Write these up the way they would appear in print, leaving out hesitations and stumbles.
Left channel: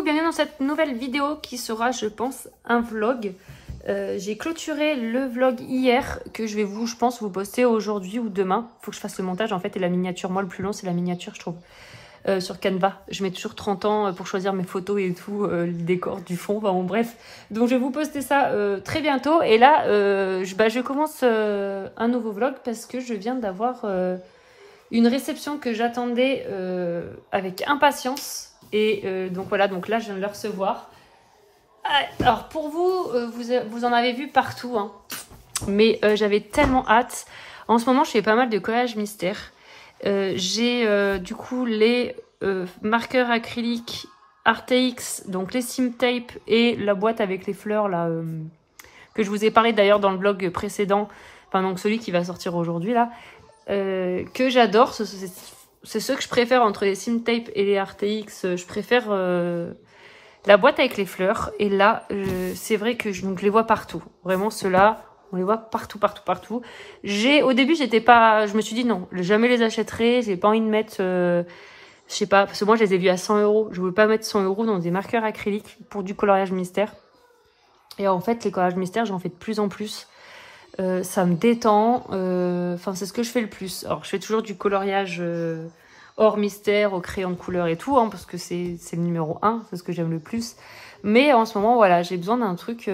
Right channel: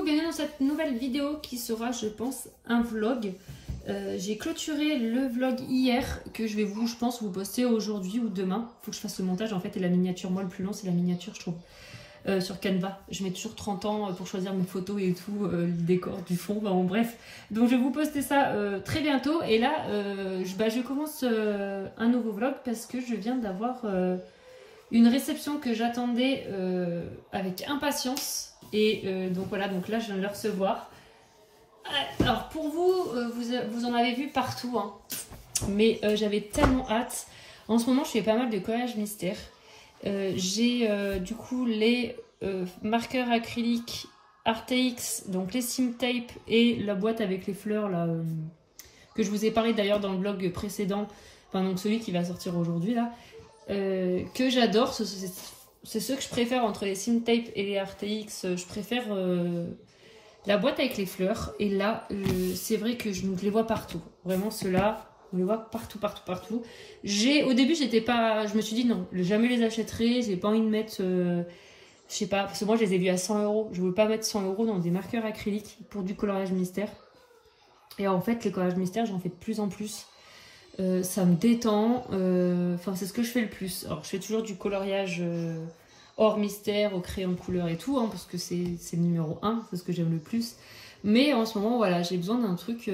coucou, bienvenue dans cette nouvelle vidéo qui sera, je pense, un vlog. J'ai clôturé le vlog hier que je vais je pense, vous poster aujourd'hui ou demain. Il faut que je fasse le montage en fait et la miniature. Moi, le plus long, c'est la miniature, je trouve. Sur Canva, je mets toujours 30 ans pour choisir mes photos et tout, le décor du fond, enfin bon, bref. Donc je vais vous poster ça très bientôt. Et là, je commence un nouveau vlog parce que je viens d'avoir une réception que j'attendais avec impatience. Et donc voilà, donc là je viens de le recevoir. Alors pour vous, vous en avez vu partout, hein. Mais j'avais tellement hâte. En ce moment, je fais pas mal de collages mystères. J'ai du coup les marqueurs acryliques Arteix, donc les sim tape et la boîte avec les fleurs là que je vous ai parlé d'ailleurs dans le vlog précédent, enfin donc celui qui va sortir aujourd'hui là, que j'adore. C'est ceux que je préfère entre les sim tape et les Arteix. Je préfère la boîte avec les fleurs. Et là, c'est vrai que je les vois partout. Vraiment ceux-là. On les voit partout, partout, partout. Au début, je me suis dit non, jamais les achèterai. J'ai pas envie de mettre, je sais pas, parce que moi, je les ai vus à 100 €. Je veux pas mettre 100 € dans des marqueurs acryliques pour du coloriage mystère. Et en fait, les collages mystères, j'en fais de plus en plus. Ça me détend. Enfin, c'est ce que je fais le plus. Alors, je fais toujours du coloriage hors mystère, au crayon de couleur et tout, hein, parce que c'est le numéro 1, c'est ce que j'aime le plus. Mais en ce moment, voilà, j'ai besoin d'un truc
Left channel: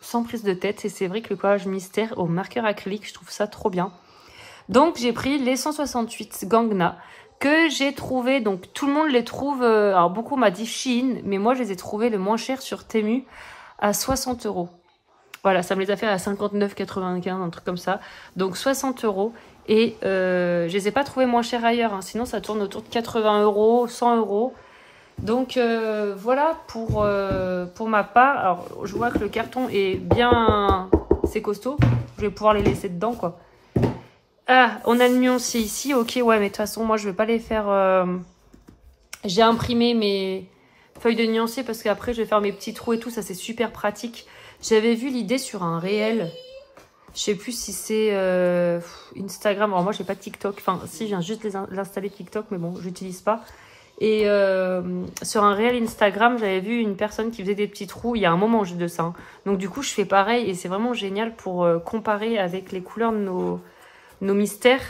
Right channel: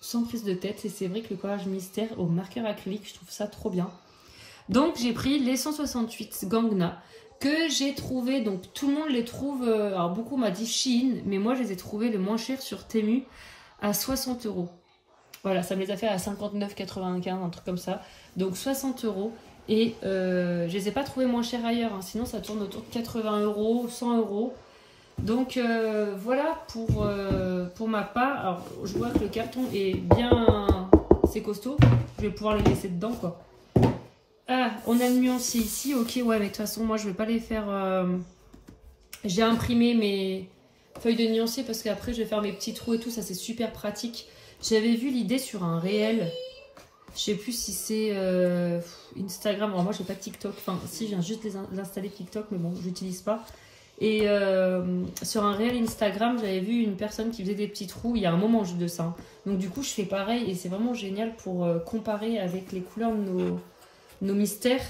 sans prise de tête. Et c'est vrai que le collage mystère au marqueur acrylique, je trouve ça trop bien. Donc j'ai pris les 168 Gangna que j'ai trouvé. Donc tout le monde les trouve, alors beaucoup m'a dit Shein, mais moi je les ai trouvés le moins cher sur Temu à 60 €. Voilà, ça me les a fait à 59,95, un truc comme ça. Donc 60 €. Et je les ai pas trouvés moins chers ailleurs, hein. Sinon ça tourne autour de 80 €, 100 €. Donc voilà pour ma part. Alors je vois que le carton est bien, c'est costaud. Je vais pouvoir les laisser dedans quoi. Ah, on a le nuancier ici. Ok, ouais, mais de toute façon moi je vais pas les faire. J'ai imprimé mes feuilles de nuancier parce qu'après je vais faire mes petits trous et tout. Ça c'est super pratique. J'avais vu l'idée sur un réel. Je sais plus si c'est Instagram. Alors moi j'ai pas TikTok. Enfin si, je viens juste l'installer TikTok, mais bon j'utilise pas. Et sur un réel Instagram, j'avais vu une personne qui faisait des petits trous. Il y a un moment juste de ça, hein. Donc du coup, je fais pareil. Et c'est vraiment génial pour comparer avec les couleurs de nos mystères.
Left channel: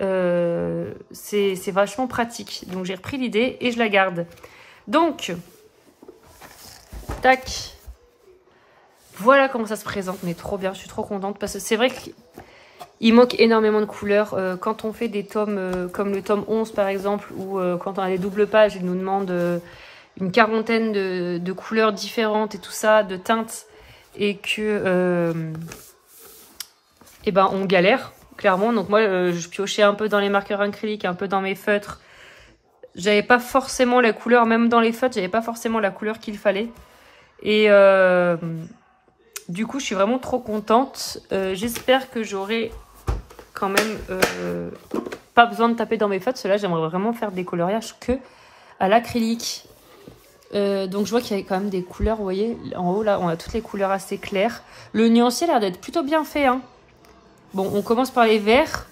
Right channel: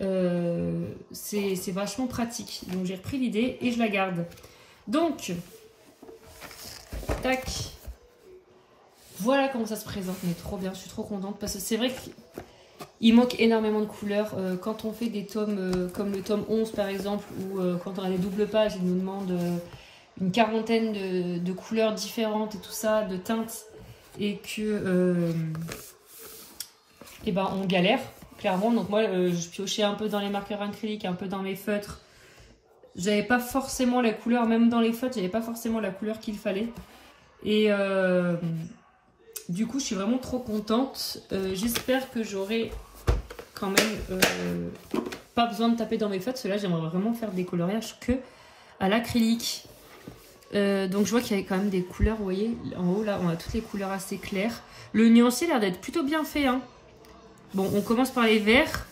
C'est vachement pratique. Donc j'ai repris l'idée et je la garde. Donc, tac. Voilà comment ça se présente. Mais trop bien, je suis trop contente. Parce que c'est vrai qu'il manque énormément de couleurs. Quand on fait des tomes comme le tome 11 par exemple, ou quand on a les doubles pages, ils nous demandent une quarantaine de couleurs différentes et tout ça, de teintes, et que et ben on galère clairement. Donc moi je piochais un peu dans les marqueurs acryliques, un peu dans mes feutres. J'avais pas forcément la couleur, même dans les feutres, j'avais pas forcément la couleur qu'il fallait. Et du coup je suis vraiment trop contente. J'espère que j'aurai quand même pas besoin de taper dans mes feutres. Ceux-là, j'aimerais vraiment faire des coloriages que à l'acrylique. Donc je vois qu'il y a quand même des couleurs, vous voyez, en haut là, on a toutes les couleurs assez claires. Le nuancier a l'air d'être plutôt bien fait, hein. Bon, on commence par les verts.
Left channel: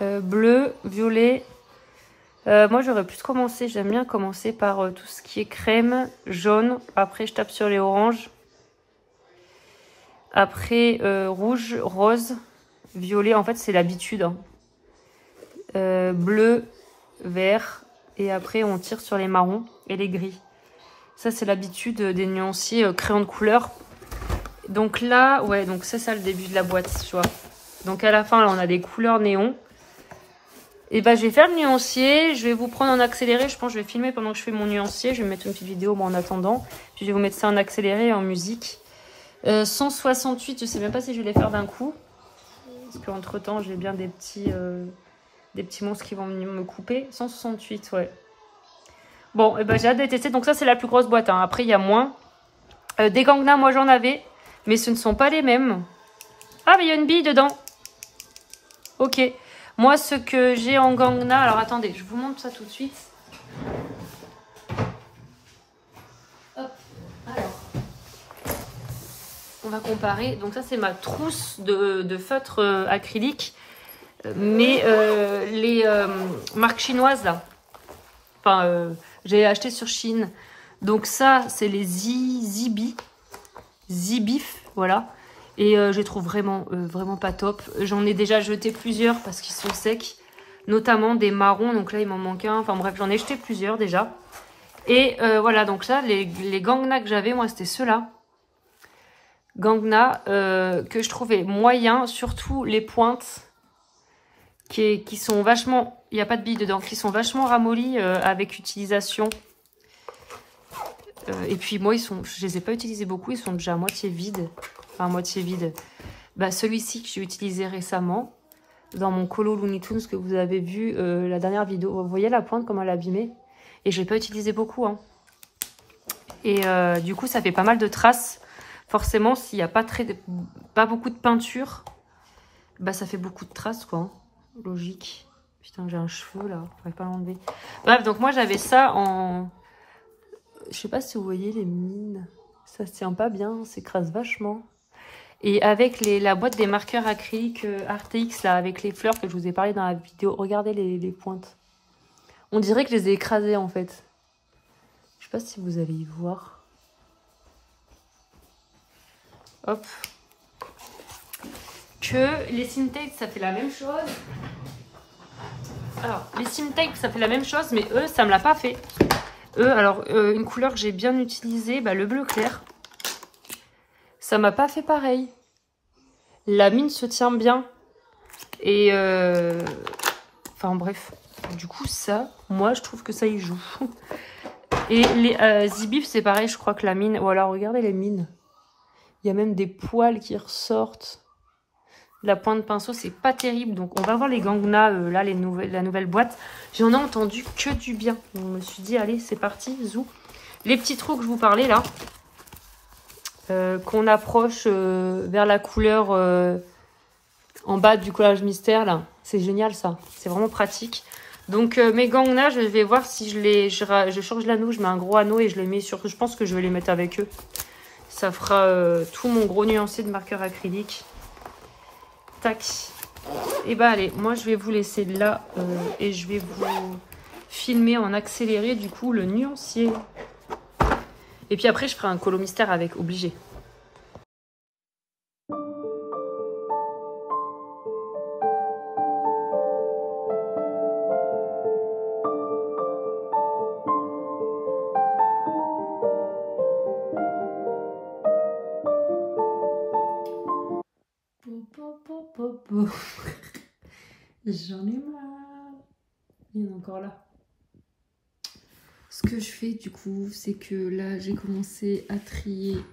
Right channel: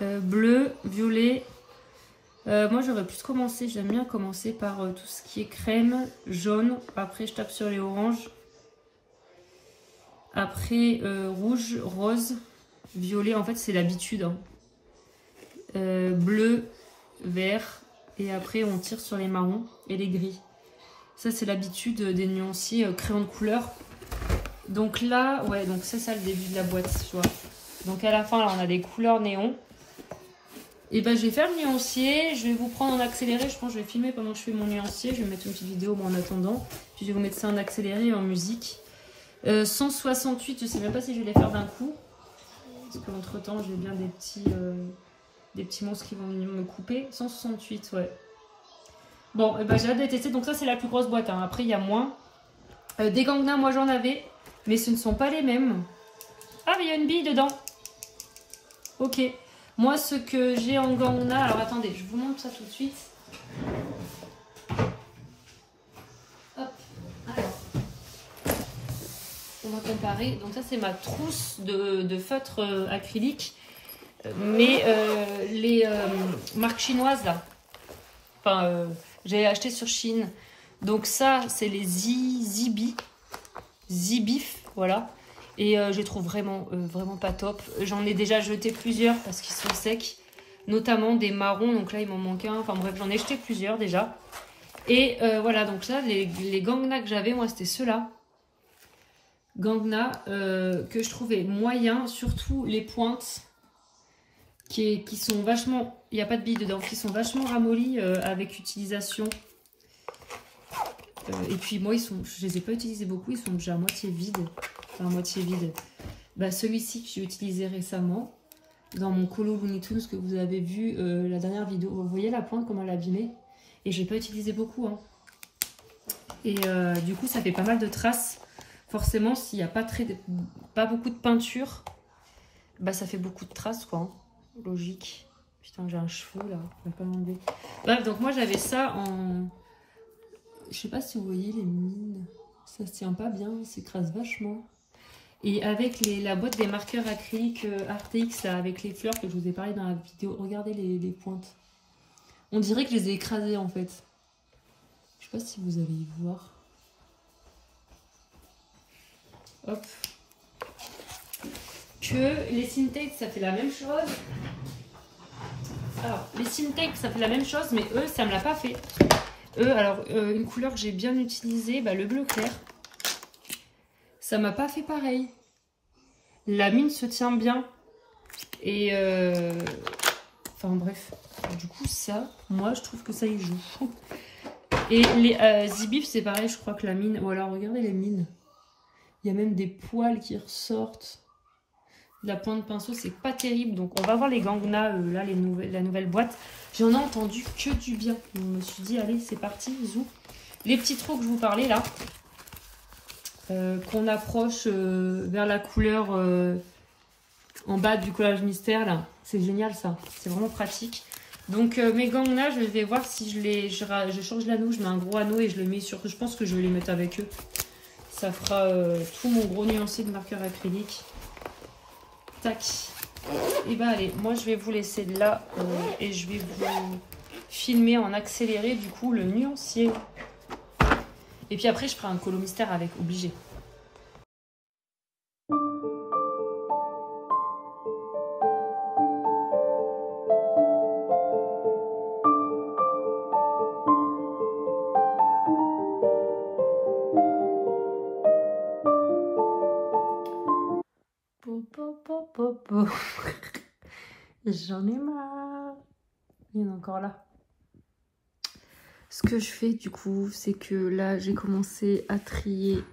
Bleu, violet. Moi, j'aurais plus commencé, j'aime bien commencer par tout ce qui est crème, jaune. Après, je tape sur les oranges. Après, rouge, rose, violet. En fait, c'est l'habitude, hein. Bleu, vert. Et après, on tire sur les marrons et les gris. Ça, c'est l'habitude des nuanciers crayon de couleur. Donc là, ouais, donc c'est ça le début de la boîte, tu vois. Donc à la fin, là, on a des couleurs néon. Et bah, je vais faire le nuancier. Je vais vous prendre en accéléré. Je pense que je vais filmer pendant que je fais mon nuancier. Je vais mettre une petite vidéo en attendant. Puis je vais vous mettre ça en accéléré et en musique. 168, je sais même pas si je vais les faire d'un coup. Parce qu'entre temps, j'ai bien des petits monstres qui vont venir me couper. 168, ouais. Bon, et ben j'ai hâte de tester. Donc ça, c'est la plus grosse boîte, hein. Après, il y a moins. Des Gangna, moi j'en avais. Mais ce ne sont pas les mêmes. Ah, mais il y a une bille dedans. Ok. Moi, ce que j'ai en Gangna... Alors, attendez, je vous montre ça tout de suite. Hop. Alors. On va comparer. Donc ça, c'est ma trousse de feutre acrylique. Mais les marques chinoises, là. Enfin, J'ai acheté sur Shein. Donc ça, c'est les Zibif, voilà. Et je les trouve vraiment pas top. J'en ai déjà jeté plusieurs parce qu'ils sont secs. Notamment des marrons, donc là il m'en manque un. Enfin bref, j'en ai jeté plusieurs déjà. Et voilà, donc là, les Gangna que j'avais, moi c'était ceux-là. Gangna que je trouvais moyens, surtout les pointes qui sont vachement, il n'y a pas de billes dedans, qui sont vachement ramollies avec utilisation. Et puis moi, je les ai pas utilisés beaucoup, ils sont déjà à moitié vides. Enfin, à moitié vides. Bah, celui-ci que j'ai utilisé récemment, dans mon colo Looney Tunes que vous avez vu la dernière vidéo. Vous voyez la pointe, comment elle est abîmée? Et je l'ai pas utilisé beaucoup. Hein. Et du coup, ça fait pas mal de traces. Forcément, s'il n'y a pas beaucoup de peinture, bah ça fait beaucoup de traces, quoi. Logique. Putain, j'ai un cheveu, là. Je pourrais pas l'enlever. Bref, donc moi, j'avais ça en... Je sais pas si vous voyez les mines. Ça se tient pas bien, s'écrase vachement. Et avec la boîte des marqueurs acryliques RTX, là, avec les fleurs que je vous ai parlé dans la vidéo, regardez les pointes. On dirait que je les ai écrasées, en fait. Je sais pas si vous allez y voir. Hop. Que les Cintiq, ça fait la même chose. Alors, les Cintiq, ça fait la même chose, mais eux, ça me l'a pas fait. Eux, alors, une couleur que j'ai bien utilisée, bah, le bleu clair. Ça m'a pas fait pareil. La mine se tient bien. Et enfin bref. Du coup ça, moi je trouve que ça y joue. Et les Zibif c'est pareil, je crois que la mine... Ou alors regardez les mines. Il y a même des poils qui ressortent. La pointe de pinceau c'est pas terrible. Donc on va voir les Gangna, là la nouvelle boîte. J'en ai entendu que du bien. Donc, je me suis dit allez c'est parti, zou. Les petits trous que je vous parlais là. Qu'on approche vers la couleur en bas du collage mystère là, c'est génial ça, c'est vraiment pratique. Donc mes Gangna, je vais voir si je change l'anneau, je mets un gros anneau et je les mets sur, je pense que je vais les mettre avec eux. Ça fera tout mon gros nuancé de marqueur acrylique. Tac. Et bah allez, moi je vais vous laisser là et je vais vous filmer en accéléré du coup le nuancier. Et puis après, je ferai un colo mystère avec, obligé. J'en ai marre. Il y en a encore là. Ce que je fais du coup, c'est que là j'ai commencé à trier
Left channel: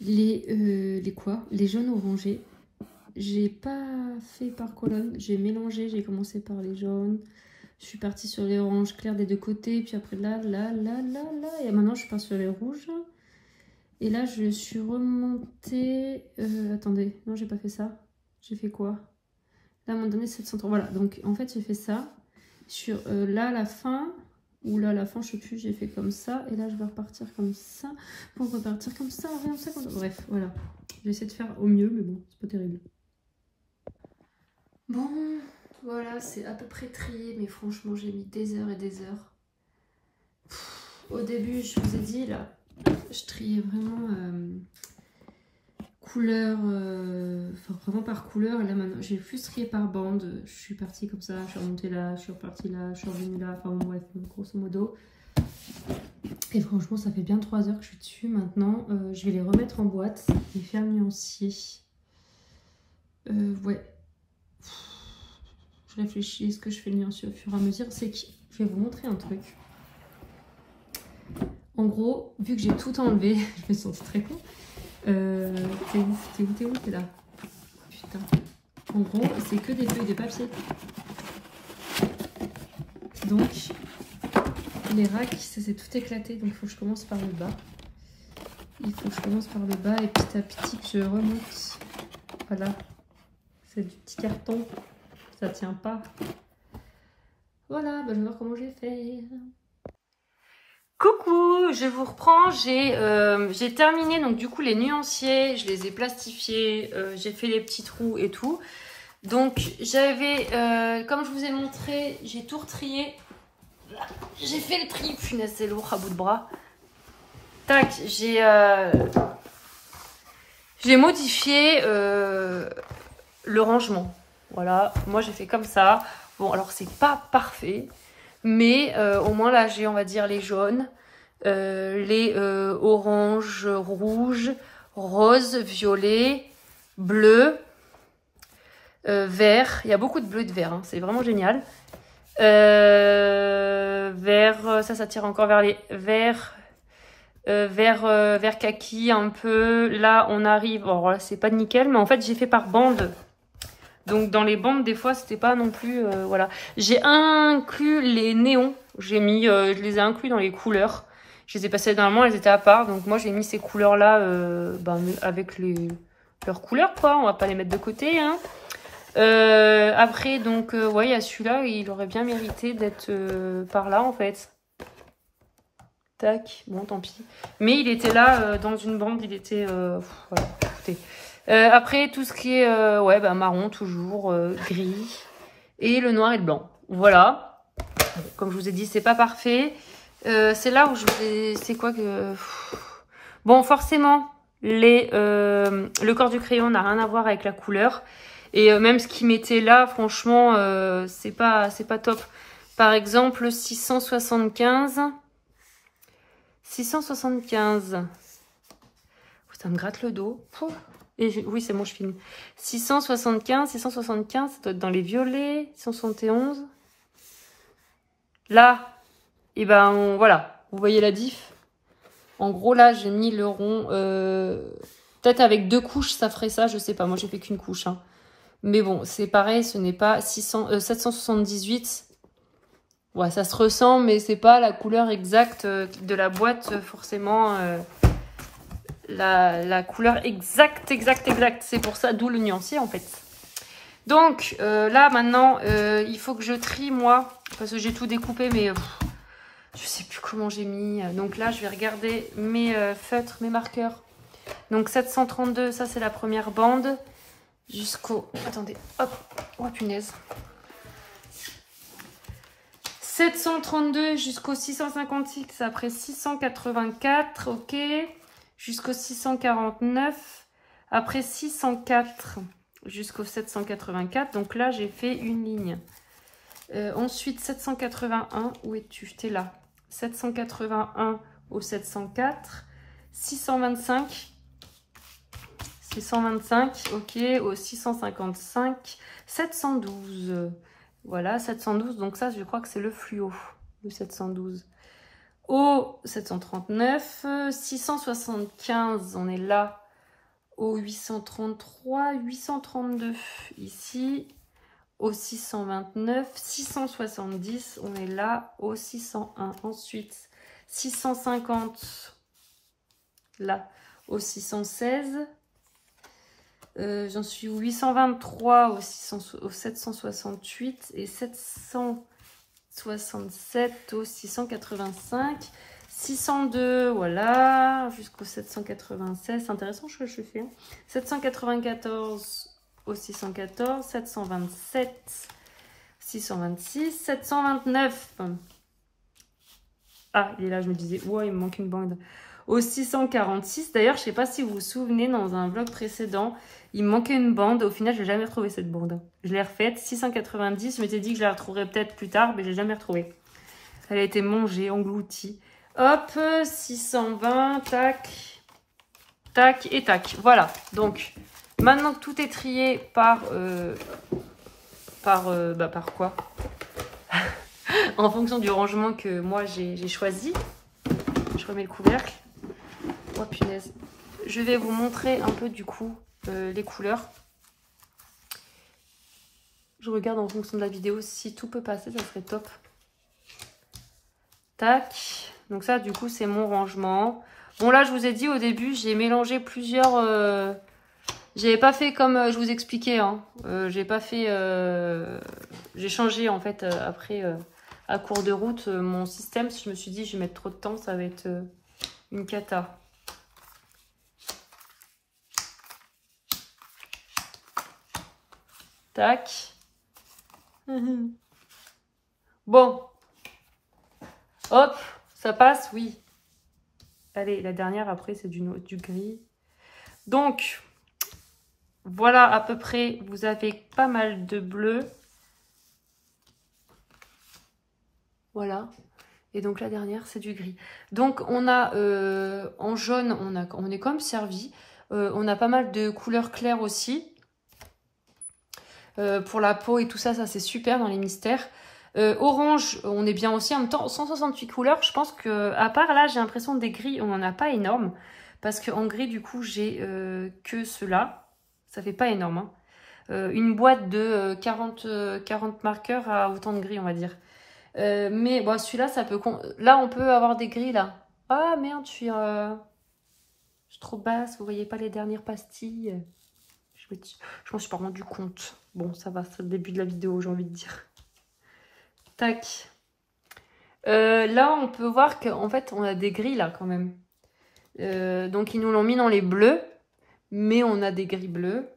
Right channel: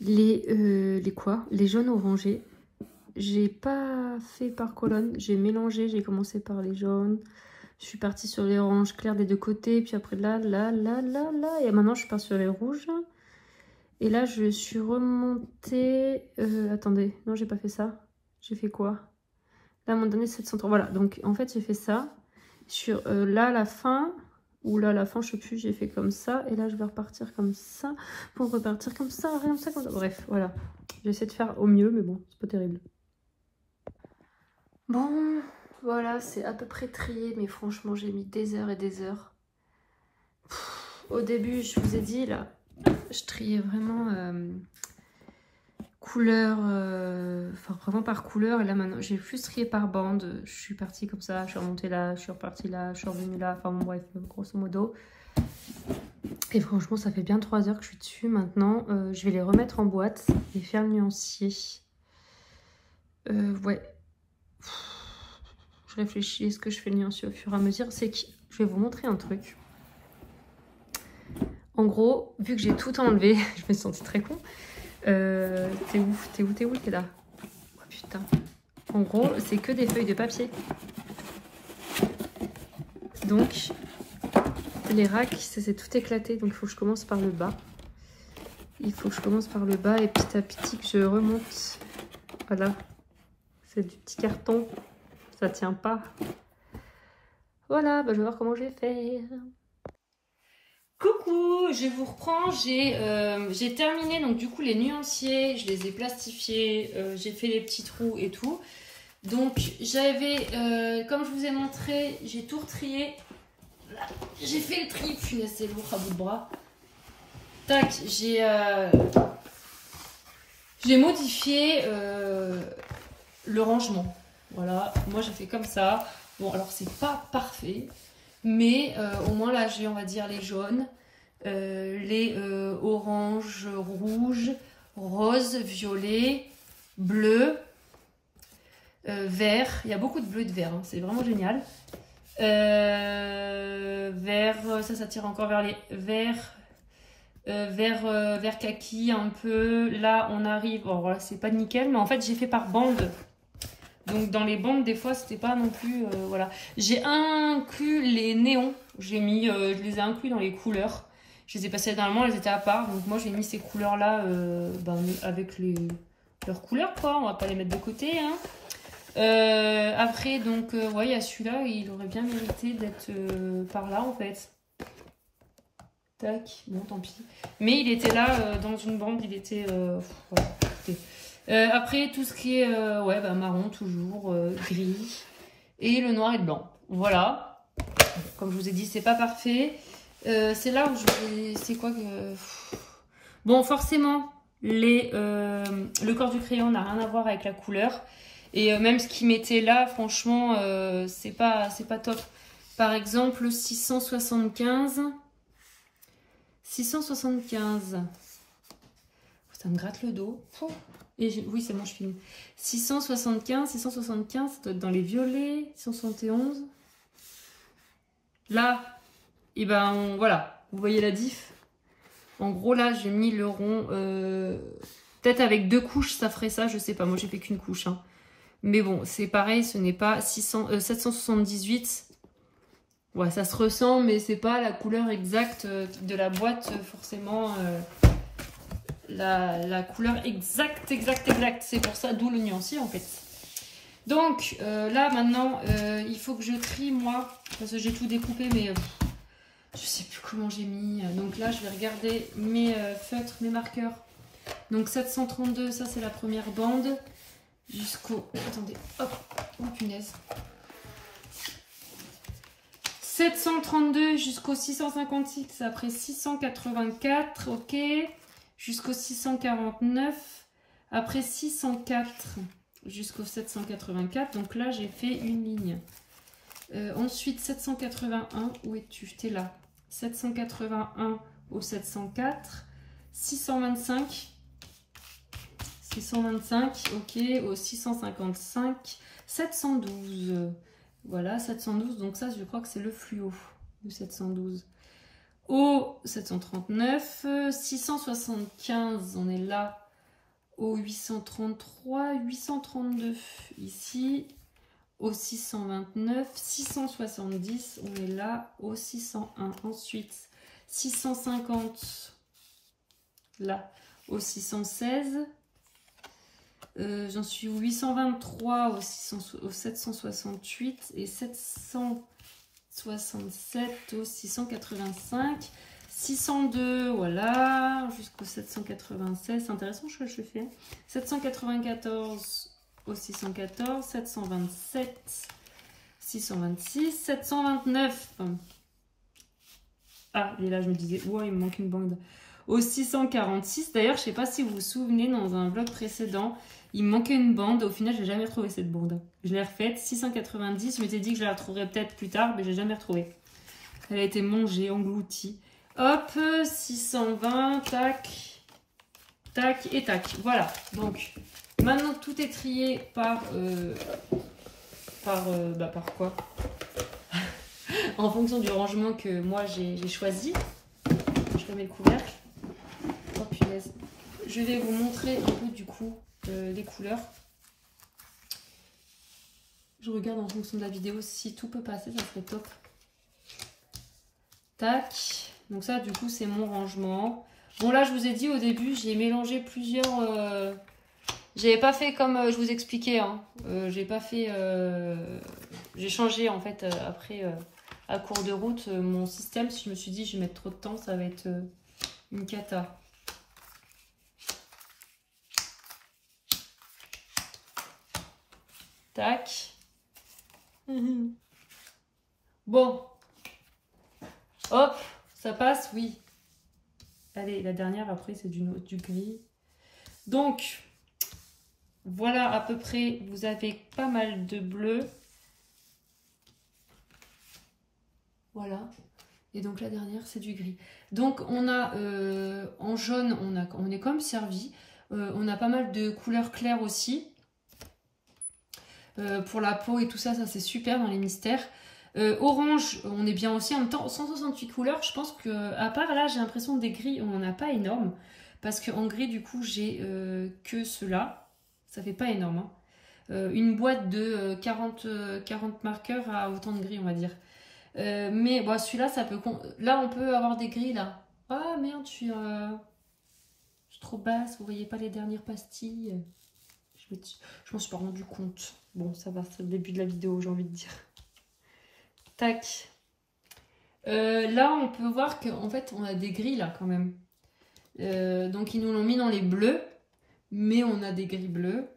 les jaunes orangés. J'ai pas fait par colonne, j'ai mélangé, j'ai commencé par les jaunes. Je suis partie sur les oranges clairs des deux côtés, puis après là, et maintenant je suis partie sur les rouges. Et là je suis remontée... attendez, non j'ai pas fait ça. J'ai fait quoi? Là à un moment donné 730, voilà, donc en fait j'ai fait ça. Sur là la fin, ou là la fin je sais plus, j'ai fait comme ça. Et là je vais repartir comme ça, pour repartir comme ça, comme ça, comme ça. Bref, voilà. J'essaie de faire au mieux, mais bon, c'est pas terrible. Bon, voilà, c'est à peu près trié, mais franchement j'ai mis des heures et des heures. Au début, je vous ai dit, là, je triais vraiment couleur, enfin vraiment par couleur. Et là maintenant, j'ai plus trié par bande. Je suis partie comme ça, je suis remontée là, je suis repartie là, je suis revenue là. Enfin bon, bref, grosso modo. Et franchement, ça fait bien 3 heures que je suis dessus. Maintenant, je vais les remettre en boîte et faire le nuancier. Ouais. Je réfléchis, est-ce que je fais le nuancier au fur et à mesure? C'est que je vais vous montrer un truc. En gros, vu que j'ai tout enlevé, je me suis sentie très con. T'es où? T'es là. Oh, putain. En gros, c'est que des feuilles de papier. Donc, les racks, ça s'est tout éclaté. Donc, il faut que je commence par le bas. Il faut que je commence par le bas et petit à petit que je remonte. Voilà. C'est du petit carton. Ça tient pas. Voilà, bah, je vais voir comment je vais faire. Coucou, je vous reprends. J'ai terminé donc du coup les nuanciers. Je les ai plastifiés. J'ai fait les petits trous et tout. Donc j'avais, comme je vous ai montré, j'ai tout retrié. j'ai fait le tri. Punaise, c'est lourd à bout de bras. Tac, j'ai modifié le rangement. Voilà, moi j'ai fait comme ça. Bon, alors c'est pas parfait, mais au moins là j'ai, on va dire, les jaunes, les oranges, rouges, roses, violets, bleus, vert. Il y a beaucoup de bleu et de vert, hein. C'est vraiment génial. Vert, ça tire encore vers les verts. Vert kaki un peu. Là on arrive, bon là c'est pas nickel, mais en fait j'ai fait par bande. Donc dans les bandes des fois c'était pas non plus, voilà. J'ai inclus les néons, j'ai mis, je les ai inclus dans les couleurs. Je les ai passées normalement, elles étaient à part, donc moi j'ai mis ces couleurs là avec leurs couleurs quoi, on va pas les mettre de côté hein. Après donc ouais, il y a celui-là, il aurait bien mérité d'être par là en fait. Tac, bon tant pis. Mais il était là dans une bande, il était... voilà, écoutez. Après tout ce qui est ouais, marron toujours, gris et le noir et le blanc. Voilà. Comme je vous ai dit, c'est pas parfait. C'est là où je vais... C'est quoi que... Bon, forcément, le corps du crayon n'a rien à voir avec la couleur. Et même ce qu'il mettait là, franchement, c'est pas top. Par exemple, 675... 675. Ça me gratte le dos. Et oui, c'est bon, je filme. 675, ça doit être dans les violets. 671. Là, et ben voilà, vous voyez la diff. En gros, là, j'ai mis le rond. Peut-être avec 2 couches, ça ferait ça, je sais pas. Moi, j'ai fait qu'une couche. Hein. Mais bon, c'est pareil, ce n'est pas 778. Ouais, ça se ressent, mais c'est pas la couleur exacte de la boîte, forcément. La couleur exacte. C'est pour ça, d'où le nuancier, en fait. Donc, là, maintenant, il faut que je trie, moi, parce que j'ai tout découpé, mais je sais plus comment j'ai mis. Donc là, je vais regarder mes feutres, mes marqueurs. Donc, 732, ça, c'est la première bande. Jusqu'au... Attendez, hop, oh punaise. 732 jusqu'au 656, après 684, ok. Jusqu'au 649, après 604 jusqu'au 784. Donc là, j'ai fait une ligne. Ensuite, 781, où es-tu? T'es là. 781 au 704. 625. 625, ok. Au 655. 712. Voilà, 712, donc ça, je crois que c'est le fluo, le 712. Au 739, 675, on est là, au 833, 832, ici, au 629, 670, on est là, au 601. Ensuite, 650, là, au 616. J'en suis au 823 au 768 et 767 au 685. 602, voilà, jusqu'au 796. C'est intéressant ce que je fais. 794 au 614. 727, 626. 729. Ah, il est là, je me disais, ouais, il me manque une bande. Au 646. D'ailleurs, je sais pas si vous vous souvenez, dans un vlog précédent, il me manquait une bande. Au final, je n'ai jamais retrouvé cette bande. Je l'ai refaite. 690. Je m'étais dit que je la retrouverais peut-être plus tard, mais je l'ai jamais retrouvée. Elle a été mangée, engloutie. Hop, 620. Tac. Tac et tac. Voilà. Donc, maintenant que tout est trié par quoi en fonction du rangement que moi j'ai choisi. Je remets le couvercle. Oh punaise. Je vais vous montrer un peu du coup les couleurs. Je regarde en fonction de la vidéo si tout peut passer, ça serait top. Tac. Donc ça du coup c'est mon rangement. Bon là je vous ai dit au début j'ai mélangé plusieurs... J'avais pas fait comme je vous expliquais. Hein. J'ai pas fait... j'ai changé en fait après à cours de route mon système. Si je me suis dit je vais mettre trop de temps, ça va être une cata. Tac. Bon. Hop, ça passe, oui. Allez, la dernière, après, c'est du gris. Donc, voilà à peu près, vous avez pas mal de bleu. Voilà. Et donc, la dernière, c'est du gris. Donc, on a en jaune, on est comme servi. On a pas mal de couleurs claires aussi. Pour la peau et tout ça, ça c'est super dans les mystères. Orange, on est bien aussi. En même temps, 168 couleurs, je pense que, à part là, j'ai l'impression des gris, on n'en a pas énorme. Parce qu'en gris, du coup, j'ai que ceux-là. Ça fait pas énorme. Hein. Une boîte de 40 marqueurs à autant de gris, on va dire. Mais bon, celui-là, ça peut... Là, on peut avoir des gris, là. Ah, merde, je suis trop basse. Vous voyez pas les dernières pastilles. Je m'en suis pas rendu compte. Bon, ça va, c'est le début de la vidéo, j'ai envie de dire. Tac. Là, on peut voir qu'en fait, on a des gris, là, quand même. Donc, ils nous l'ont mis dans les bleus. Mais on a des gris bleus.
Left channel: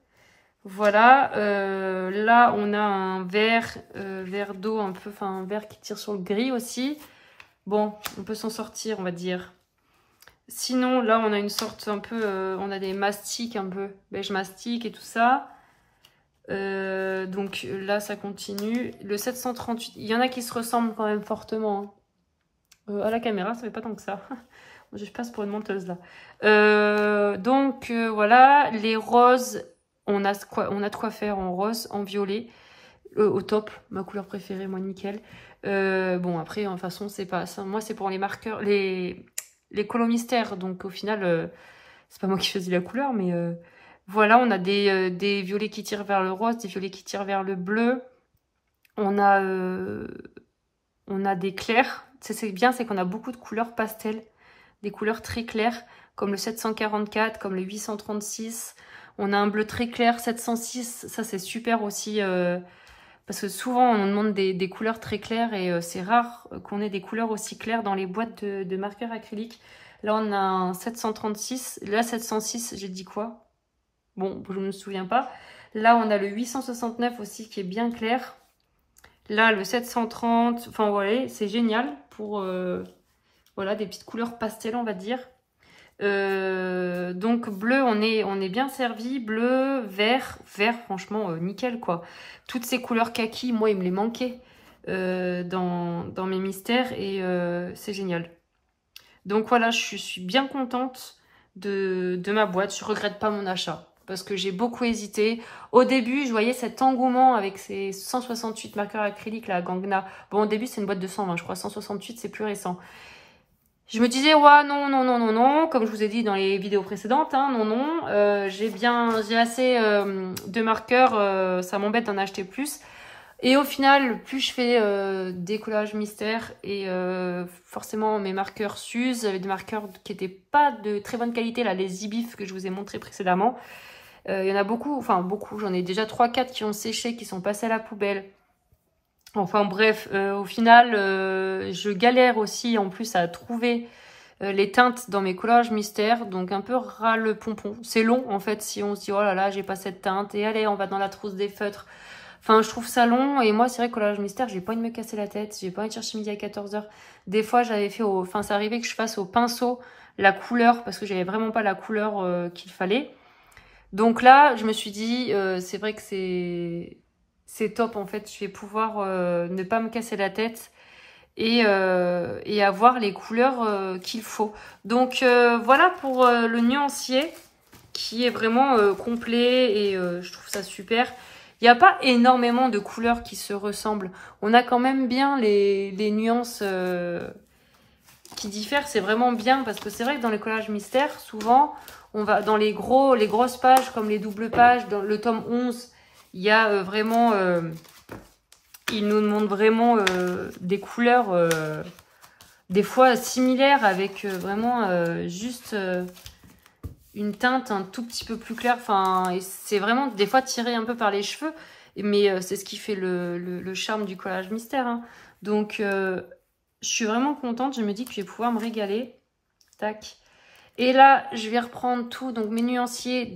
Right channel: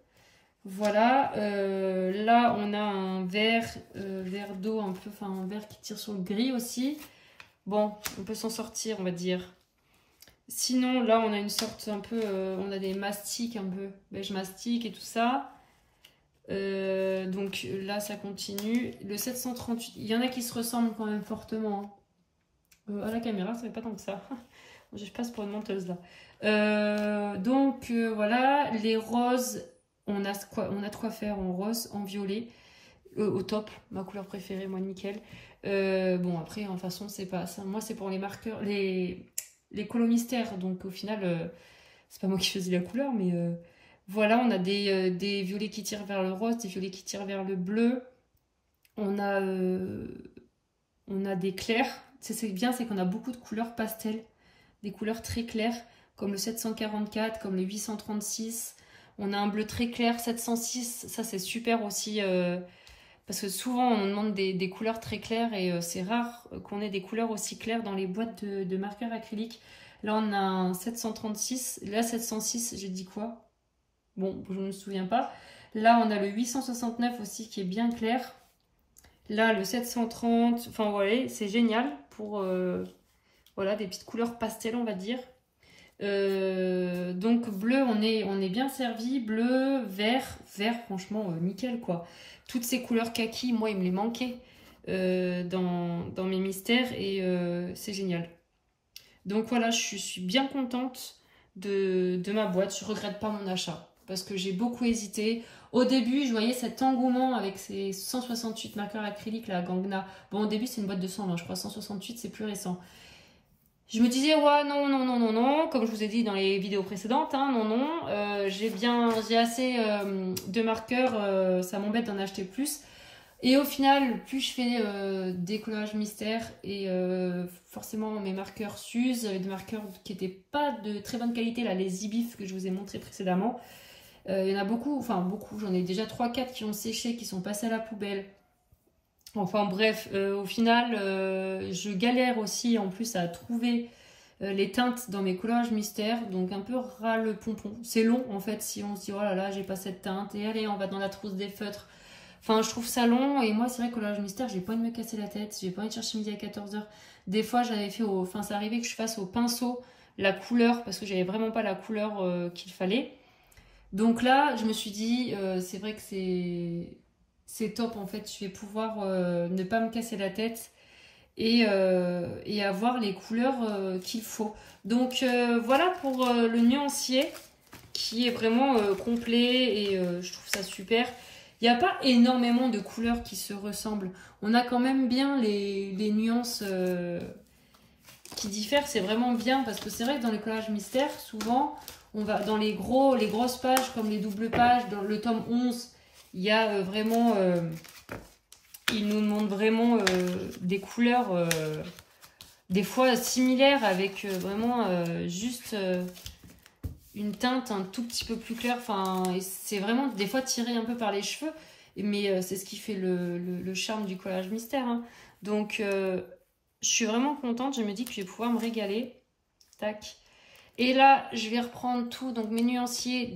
Voilà. Là, on a un vert d'eau, un peu, enfin, un vert qui tire sur le gris aussi. Bon, on peut s'en sortir, on va dire. Sinon, là, on a une sorte un peu... on a des mastiques un peu, beige mastic et tout ça. Donc là, ça continue. Le 738, il y en a qui se ressemblent quand même fortement. Hein. À la caméra, ça fait pas tant que ça. Je passe pour une menteuse, là. Donc, voilà. Les roses, on a de quoi faire en rose, en violet. Au top, ma couleur préférée, moi, nickel. Bon, après, de toute façon, c'est pas ça. Moi, c'est pour les marqueurs, les colos mystères. Donc, au final, c'est pas moi qui choisis la couleur, mais voilà, on a des violets qui tirent vers le rose, des violets qui tirent vers le bleu. On a des clairs. C'est bien, c'est qu'on a beaucoup de couleurs pastel, des couleurs très claires, comme le 744, comme le 836. On a un bleu très clair, 706. Ça, c'est super aussi. Parce que souvent, on demande des couleurs très claires et c'est rare qu'on ait des couleurs aussi claires dans les boîtes de marqueurs acryliques. Là, on a un 736. Là, 706, j'ai dit quoi? Bon, je ne me souviens pas. Là, on a le 869 aussi qui est bien clair. Là, le 730. Enfin, voilà, c'est génial pour voilà, des petites couleurs pastel, on va dire. Donc bleu, on est bien servi. Bleu, vert, franchement, nickel quoi. Toutes ces couleurs kaki, moi, il me les manquait dans mes mystères et c'est génial. Donc voilà, je suis bien contente de ma boîte. Je regrette pas mon achat parce que j'ai beaucoup hésité. Au début, je voyais cet engouement avec ces 168 marqueurs acryliques, la Gangna. Bon, au début, c'est une boîte de 120, je crois. 168, c'est plus récent. Je me disais, ouais, non, comme je vous ai dit dans les vidéos précédentes, hein, non, j'ai assez de marqueurs, ça m'embête d'en acheter plus. Et au final, plus je fais des collages mystères et forcément mes marqueurs s'usent, des marqueurs qui n'étaient pas de très bonne qualité, là, les Zibif que je vous ai montré précédemment. Il y en a beaucoup, j'en ai déjà 3-4 qui ont séché, qui sont passés à la poubelle. Enfin bref, au final, je galère aussi en plus à trouver les teintes dans mes collages mystères. Donc un peu ras le pompon. C'est long en fait si on se dit oh là là, j'ai pas cette teinte. Et allez, on va dans la trousse des feutres. Enfin, je trouve ça long. Et moi, c'est vrai que collage mystère, j'ai pas envie de me casser la tête. J'ai pas envie de chercher midi à 14 h. Des fois, j'avais fait Enfin, ça arrivait que je fasse au pinceau la couleur parce que j'avais vraiment pas la couleur qu'il fallait. Donc là, je me suis dit, c'est vrai que c'est top en fait, je vais pouvoir ne pas me casser la tête et avoir les couleurs qu'il faut. Donc voilà pour le nuancier qui est vraiment complet et je trouve ça super. Il n'y a pas énormément de couleurs qui se ressemblent. On a quand même bien les nuances qui diffèrent, c'est vraiment bien parce que c'est vrai que dans les collages mystères, souvent on va dans les grosses pages comme les doubles pages, dans le tome 11, il y a vraiment, il nous demande vraiment des couleurs des fois similaires avec vraiment juste une teinte un tout petit peu plus claire. Enfin, c'est vraiment des fois tiré un peu par les cheveux, mais c'est ce qui fait le charme du collage mystère. Hein. Donc, je suis vraiment contente. Je me dis que je vais pouvoir me régaler. Tac. Et là, je vais reprendre tout. Donc, mes nuanciers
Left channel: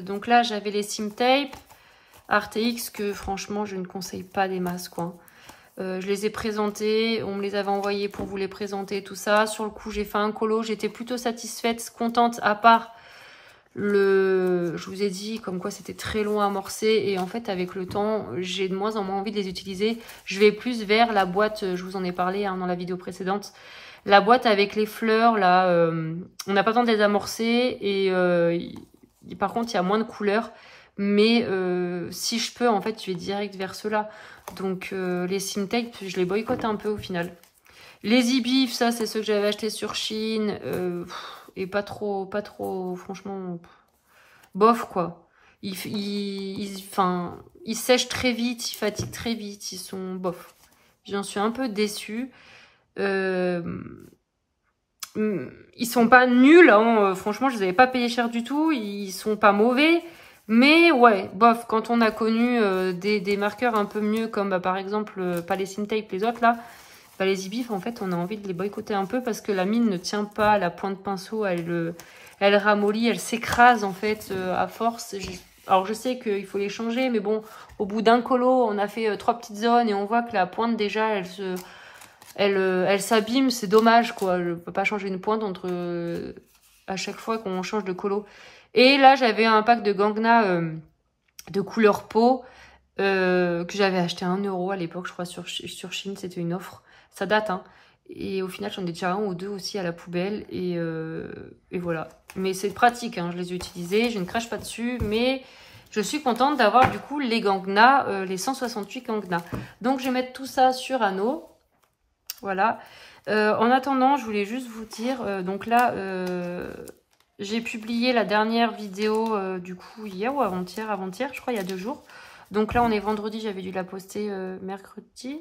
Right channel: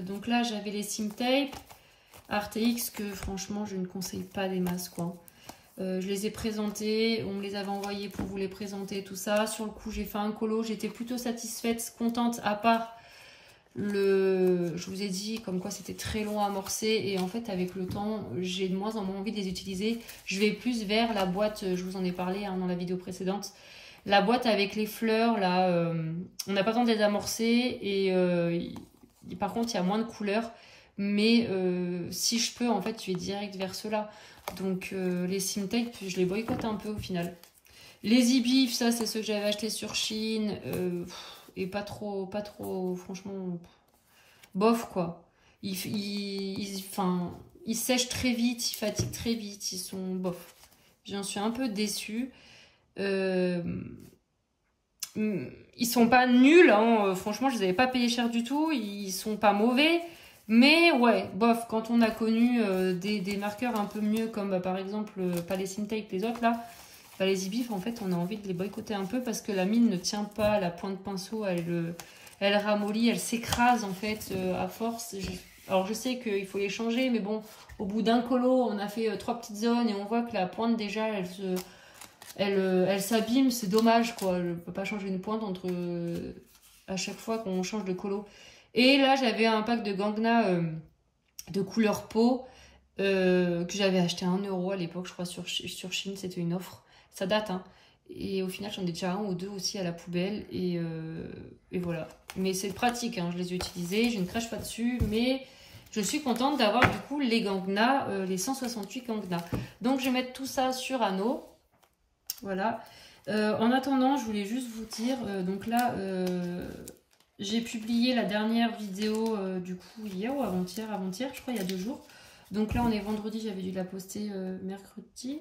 donc là, j'avais les Sim Tape. RTX que franchement je ne conseille pas des masses quoi. Je les ai présentés, on me les avait envoyés pour vous les présenter, tout ça. Sur le coup, j'ai fait un colo, j'étais plutôt satisfaite, contente, à part je vous ai dit comme quoi c'était très long à amorcer. Et en fait, avec le temps, j'ai de moins en moins envie de les utiliser. Je vais plus vers la boîte, je vous en ai parlé hein, dans la vidéo précédente. La boîte avec les fleurs, là, on n'a pas besoin de les amorcer. Et par contre, il y a moins de couleurs. Mais si je peux, en fait, je vais direct vers ceux-là. Donc les Simtape, je les boycotte un peu au final. Les Ibif, ça c'est ceux que j'avais achetés sur Chine. Et pas trop, franchement, bof quoi. Ils sèchent très vite, ils fatiguent très vite, ils sont bof. J'en suis un peu déçue. Ils sont pas nuls, hein. Franchement je les avais pas payés cher du tout. Ils sont pas mauvais. Mais ouais, bof, quand on a connu des marqueurs un peu mieux, comme bah, par exemple, pas les Simtape, les autres là, bah, les Ibif, en fait, on a envie de les boycotter un peu parce que la mine ne tient pas, la pointe de pinceau, elle ramollit, elle s'écrase en fait à force. Alors je sais qu'il faut les changer, mais bon, au bout d'un colo, on a fait 3 petites zones et on voit que la pointe déjà, elle s'abîme, c'est dommage quoi. Je ne peux pas changer une pointe à chaque fois qu'on change de colo. Et là, j'avais un pack de Gangna de couleur peau que j'avais acheté à 1 € à l'époque, je crois, sur Chine. C'était une offre. Ça date, hein. Et au final, j'en ai déjà 1 ou 2 aussi à la poubelle. Et voilà. Mais c'est pratique, hein. Je les ai utilisés. Je ne crache pas dessus. Mais je suis contente d'avoir du coup les Gangna, les 168 Gangna. Donc, je vais mettre tout ça sur anneau. Voilà. En attendant, je voulais juste vous dire, donc là... j'ai publié la dernière vidéo du coup hier ou avant-hier, je crois il y a 2 jours. Donc là on est vendredi, j'avais dû la poster mercredi.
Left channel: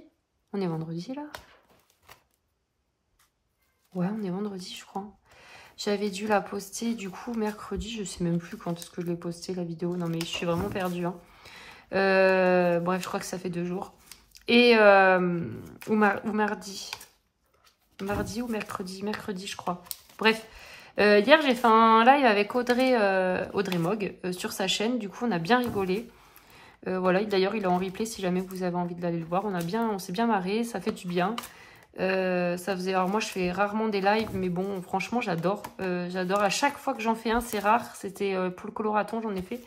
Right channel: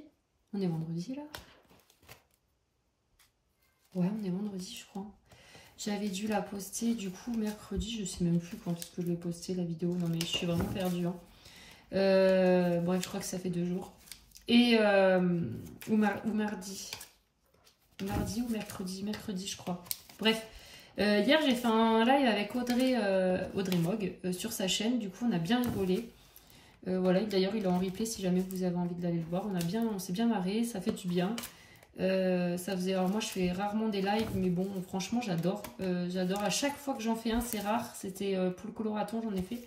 On est vendredi là? Ouais, on est vendredi je crois. J'avais dû la poster du coup mercredi, je sais même plus quand est-ce que je l'ai posté la vidéo. Non mais je suis vraiment perdue. Hein. Bref, je crois que ça fait 2 jours. Et ou mardi. Mardi ou mercredi je crois. Bref. Hier, j'ai fait un live avec Audrey Mogg sur sa chaîne. Du coup, on a bien rigolé. Voilà, d'ailleurs, il est en replay si jamais vous avez envie d'aller le voir. On s'est bien marré, ça fait du bien. Alors moi, je fais rarement des lives, mais bon, franchement, j'adore. J'adore. À chaque fois que j'en fais un, c'est rare. C'était pour le coloraton, j'en ai fait.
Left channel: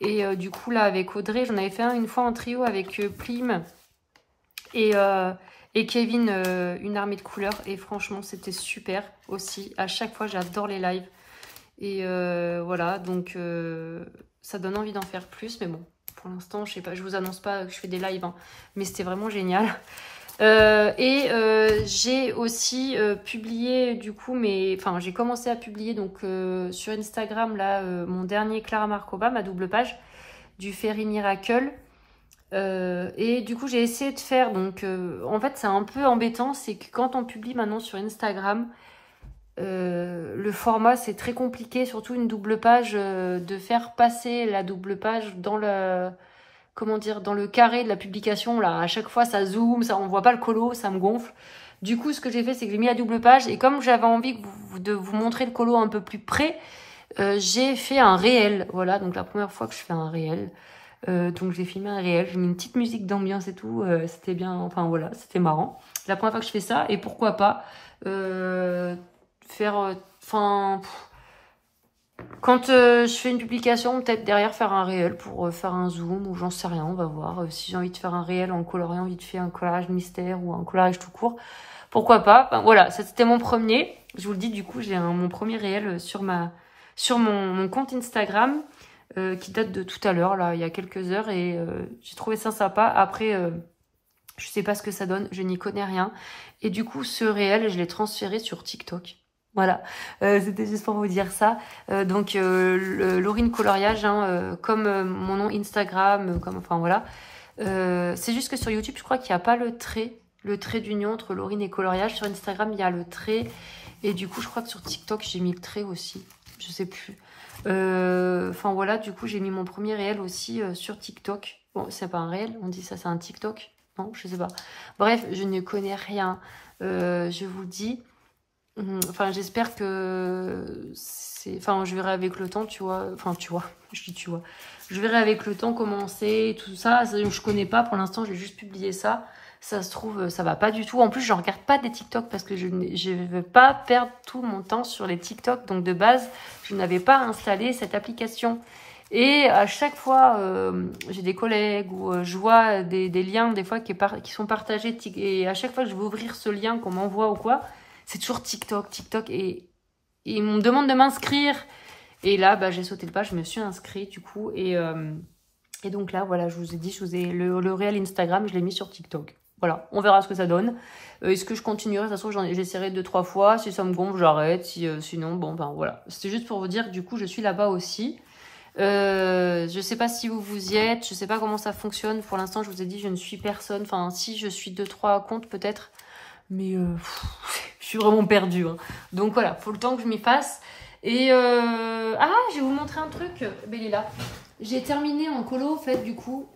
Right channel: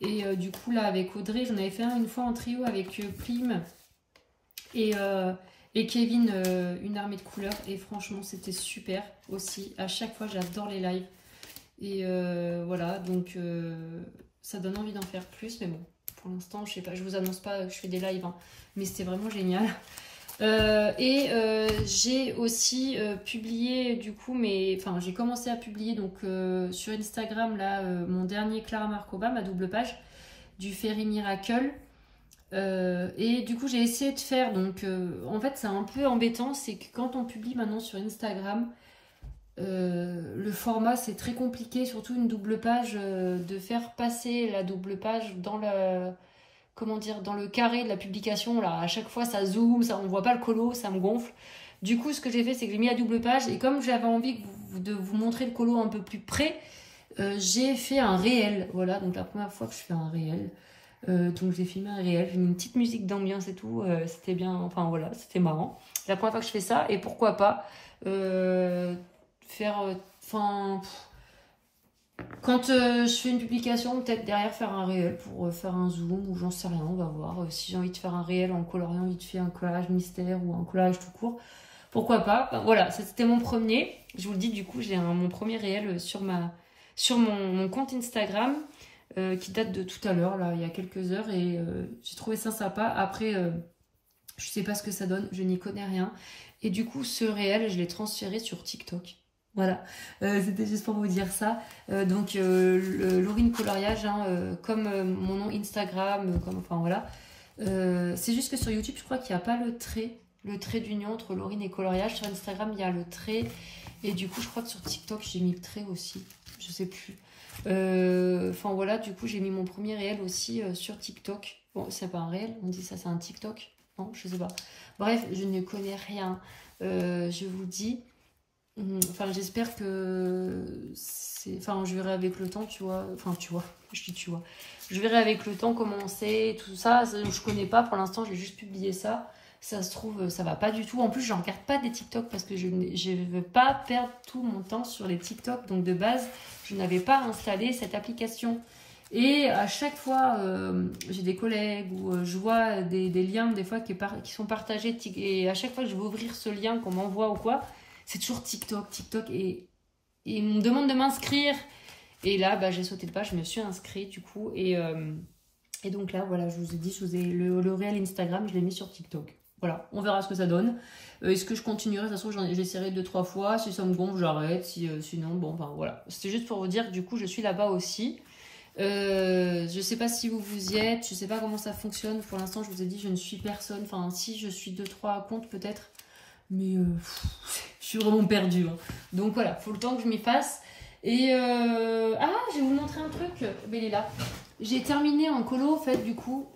Et du coup, là, avec Audrey, j'en avais fait un une fois en trio avec Plim et Kevin, une armée de couleurs. Et franchement, c'était super aussi. À chaque fois, j'adore les lives. Et voilà, donc ça donne envie d'en faire plus. Mais bon, pour l'instant, je sais pas, je vous annonce pas que je fais des lives. Hein, mais c'était vraiment génial. J'ai aussi publié du coup, j'ai commencé à publier donc sur Instagram là mon dernier Clara Markova, ma double page du Fairy Miracle. Et du coup j'ai essayé de faire donc en fait c'est un peu embêtant, c'est que quand on publie maintenant sur Instagram le format c'est très compliqué, surtout une double page, de faire passer la double page dans le dans le carré de la publication là. À chaque fois ça zoome, on voit pas le colo, ça me gonfle. Du coup ce que j'ai fait c'est que j'ai mis la double page et comme j'avais envie de vous montrer le colo un peu plus près, j'ai fait un réel. Voilà, donc la première fois que je fais un réel. Donc j'ai filmé un réel, j'ai mis une petite musique d'ambiance et tout, c'était bien, enfin voilà, c'était marrant. La première fois que je fais ça, et pourquoi pas faire, quand je fais une publication, peut-être derrière faire un réel pour faire un zoom ou j'en sais rien, on va voir. Si j'ai envie de faire un réel en coloriant vite fait un collage mystère ou un collage tout court, pourquoi pas. Enfin, voilà, c'était mon premier, je vous le dis du coup, j'ai mon premier réel sur mon compte Instagram. Qui date de tout à l'heure, là, il y a quelques heures, et j'ai trouvé ça sympa. Après, je sais pas ce que ça donne, je n'y connais rien. Et du coup, ce réel, je l'ai transféré sur TikTok. Voilà, c'était juste pour vous dire ça. Donc, Laurine Coloriage, hein, comme mon nom Instagram, enfin voilà. C'est juste que sur YouTube, je crois qu'il n'y a pas le trait d'union entre Laurine et Coloriage. Sur Instagram, il y a le trait. Et du coup, je crois que sur TikTok, j'ai mis le trait aussi. Je sais plus. Enfin voilà, du coup j'ai mis mon premier réel aussi sur TikTok. Bon, c'est pas un réel, on dit ça, c'est un TikTok. Non, je sais pas. Bref, je ne connais rien. Je vous dis. Enfin, j'espère que c'est. Enfin, je verrai avec le temps, tu vois. Enfin, tu vois. Je dis tu vois. Je verrai avec le temps comment c'est, tout ça. Je connais pas pour l'instant, j'ai juste publié ça. Ça se trouve, ça va pas du tout. En plus, je regarde pas des TikTok parce que je ne veux pas perdre tout mon temps sur les TikTok. Donc de base, je n'avais pas installé cette application. Et à chaque fois, j'ai des collègues ou je vois des liens des fois qui sont partagés. Et à chaque fois que je vais ouvrir ce lien qu'on m'envoie ou quoi, c'est toujours TikTok. Et ils me demandent de m'inscrire. Et là, bah, j'ai sauté le pas, je me suis inscrite du coup. Et donc là, voilà, je vous ai dit, le réel Instagram, je l'ai mis sur TikTok. Voilà, on verra ce que ça donne. Est-ce que je continuerai? De toute façon, j'essaierai 2-3 fois. Si ça me gonfle, j'arrête. Sinon, bon, ben voilà. C'est juste pour vous dire, du coup, je suis là-bas aussi. Je sais pas si vous y êtes. Je sais pas comment ça fonctionne. Pour l'instant, je vous ai dit, je ne suis personne. Enfin, si, je suis 2-3 comptes peut-être. Mais je suis vraiment perdue. Hein. Donc voilà, faut le temps que je m'y fasse. Et ah, je vais vous montrer un truc. Ben, il est là. J'ai terminé en colo, en fait, du coup.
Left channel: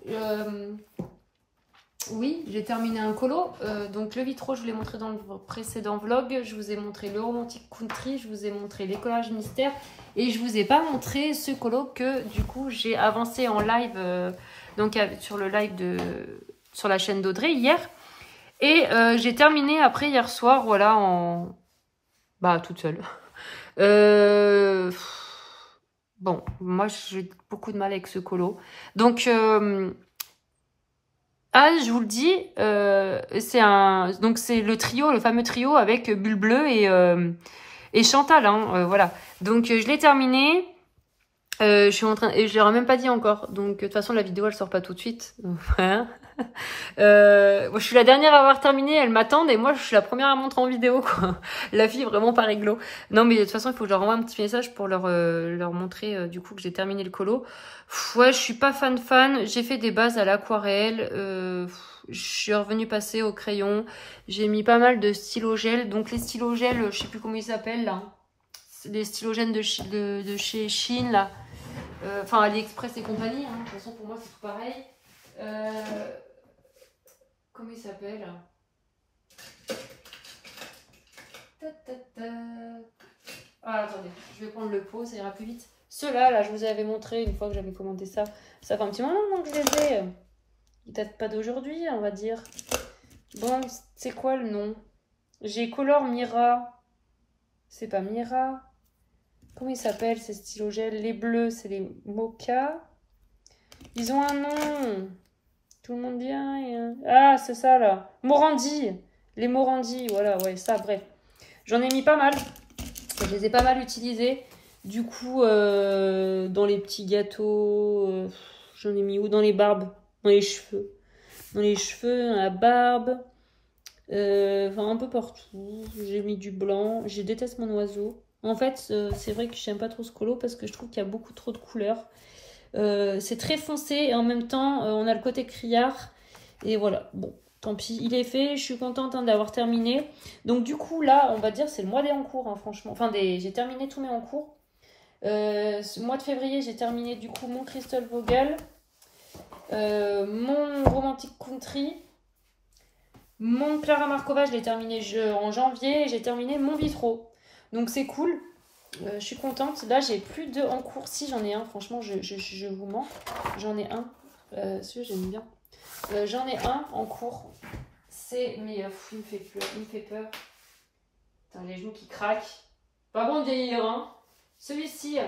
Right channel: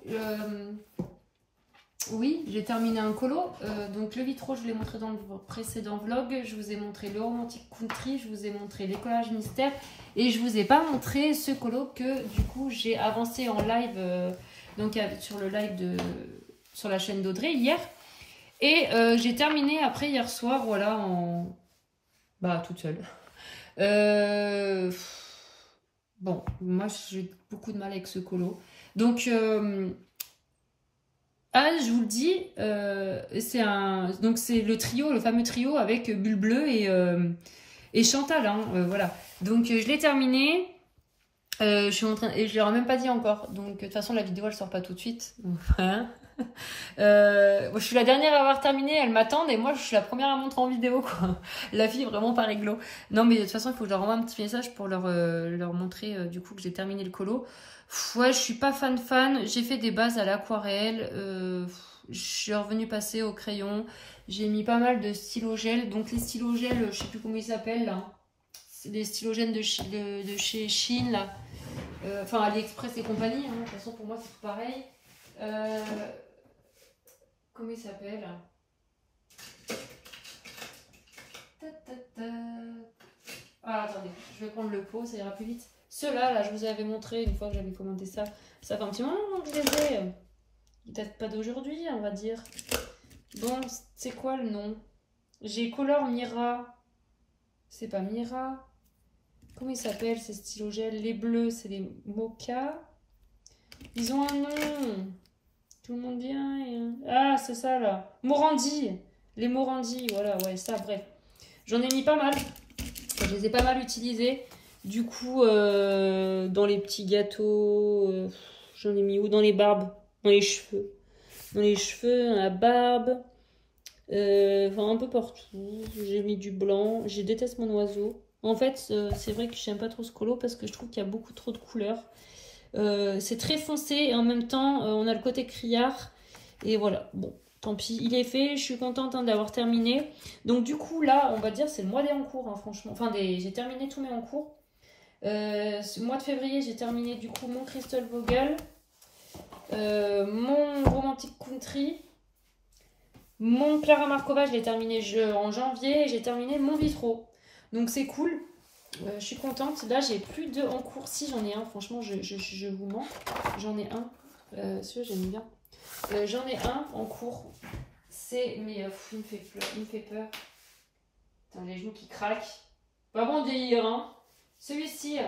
Oui, j'ai terminé un colo. Donc, le vitro, je vous l'ai montré dans le précédent vlog. Je vous ai montré le Romantic Country. Je vous ai montré les collages mystères. Et je vous ai pas montré ce colo que, du coup, j'ai avancé en live. Donc, sur le live sur la chaîne d'Audrey hier. Et j'ai terminé après hier soir, voilà, bah, toute seule. Bon, moi j'ai beaucoup de mal avec ce colo. Donc, je vous le dis, c'est le trio, le fameux trio avec Bulle Bleue et Chantal. Hein, voilà. Donc, je l'ai terminé. Je suis en train, et je leur ai même pas dit encore. Donc, de toute façon, la vidéo elle sort pas tout de suite. Voilà. Moi, je suis la dernière à avoir terminé, elles m'attendent et moi je suis la première à montrer en vidéo quoi. La fille est vraiment pas réglo. Non mais de toute façon il faut que je leur envoie un petit message pour leur montrer du coup que j'ai terminé le colo. Ouais, je suis pas fan. J'ai fait des bases à l'aquarelle. Je suis revenue passer au crayon. J'ai mis pas mal de stylo-gel. Donc les stylo-gel, je sais plus comment ils s'appellent là. C'est des stylo-gel de chez Shein là. Enfin AliExpress et compagnie. Hein. De toute façon pour moi c'est tout pareil. Comment il s'appelle? Ah, attendez, je vais prendre le pot, ça ira plus vite. Ceux-là, là, je vous avais montré une fois que j'avais commenté ça. Ça fait un petit moment que je les ai. Ils datent pas d'aujourd'hui, on va dire. Bon, c'est quoi le nom? J'ai Color Mira. C'est pas Mira. Comment ils s'appellent ces stylo-gel? Les bleus, c'est les Mocha. Ils ont un nom. Tout le monde vient. Ah, c'est ça là. Morandi. Les Morandi, voilà, ouais, ça, bref. J'en ai mis pas mal. Je les ai pas mal utilisés. Du coup, dans les petits gâteaux, j'en ai mis où? Dans les barbes, dans les cheveux. Dans les cheveux, dans la barbe. Enfin, un peu partout. J'ai mis du blanc. Je déteste mon oiseau. En fait, c'est vrai que j'aime pas trop ce colo parce que je trouve qu'il y a beaucoup trop de couleurs. C'est très foncé et en même temps, on a le côté criard. Et voilà, bon, tant pis, il est fait. Je suis contente d'avoir terminé. Donc du coup, là, on va dire, c'est le mois des encours, hein, franchement. Enfin, j'ai terminé tous mes encours. Ce mois de février, j'ai terminé du coup mon Crystal Vogel, mon Romantic Country, mon Clara Markova, je l'ai terminé en janvier. Et j'ai terminé mon Vitro. Donc c'est cool. Je suis contente. Là, j'ai plus de en cours. Si, j'en ai un. Franchement, je vous mens. J'en ai un. Celui-là, j'aime bien. J'en ai un en cours. C'est... Mais il me fait peur. Putain, les genoux qui craquent. Pas bon de vieillir, hein. Celui-ci.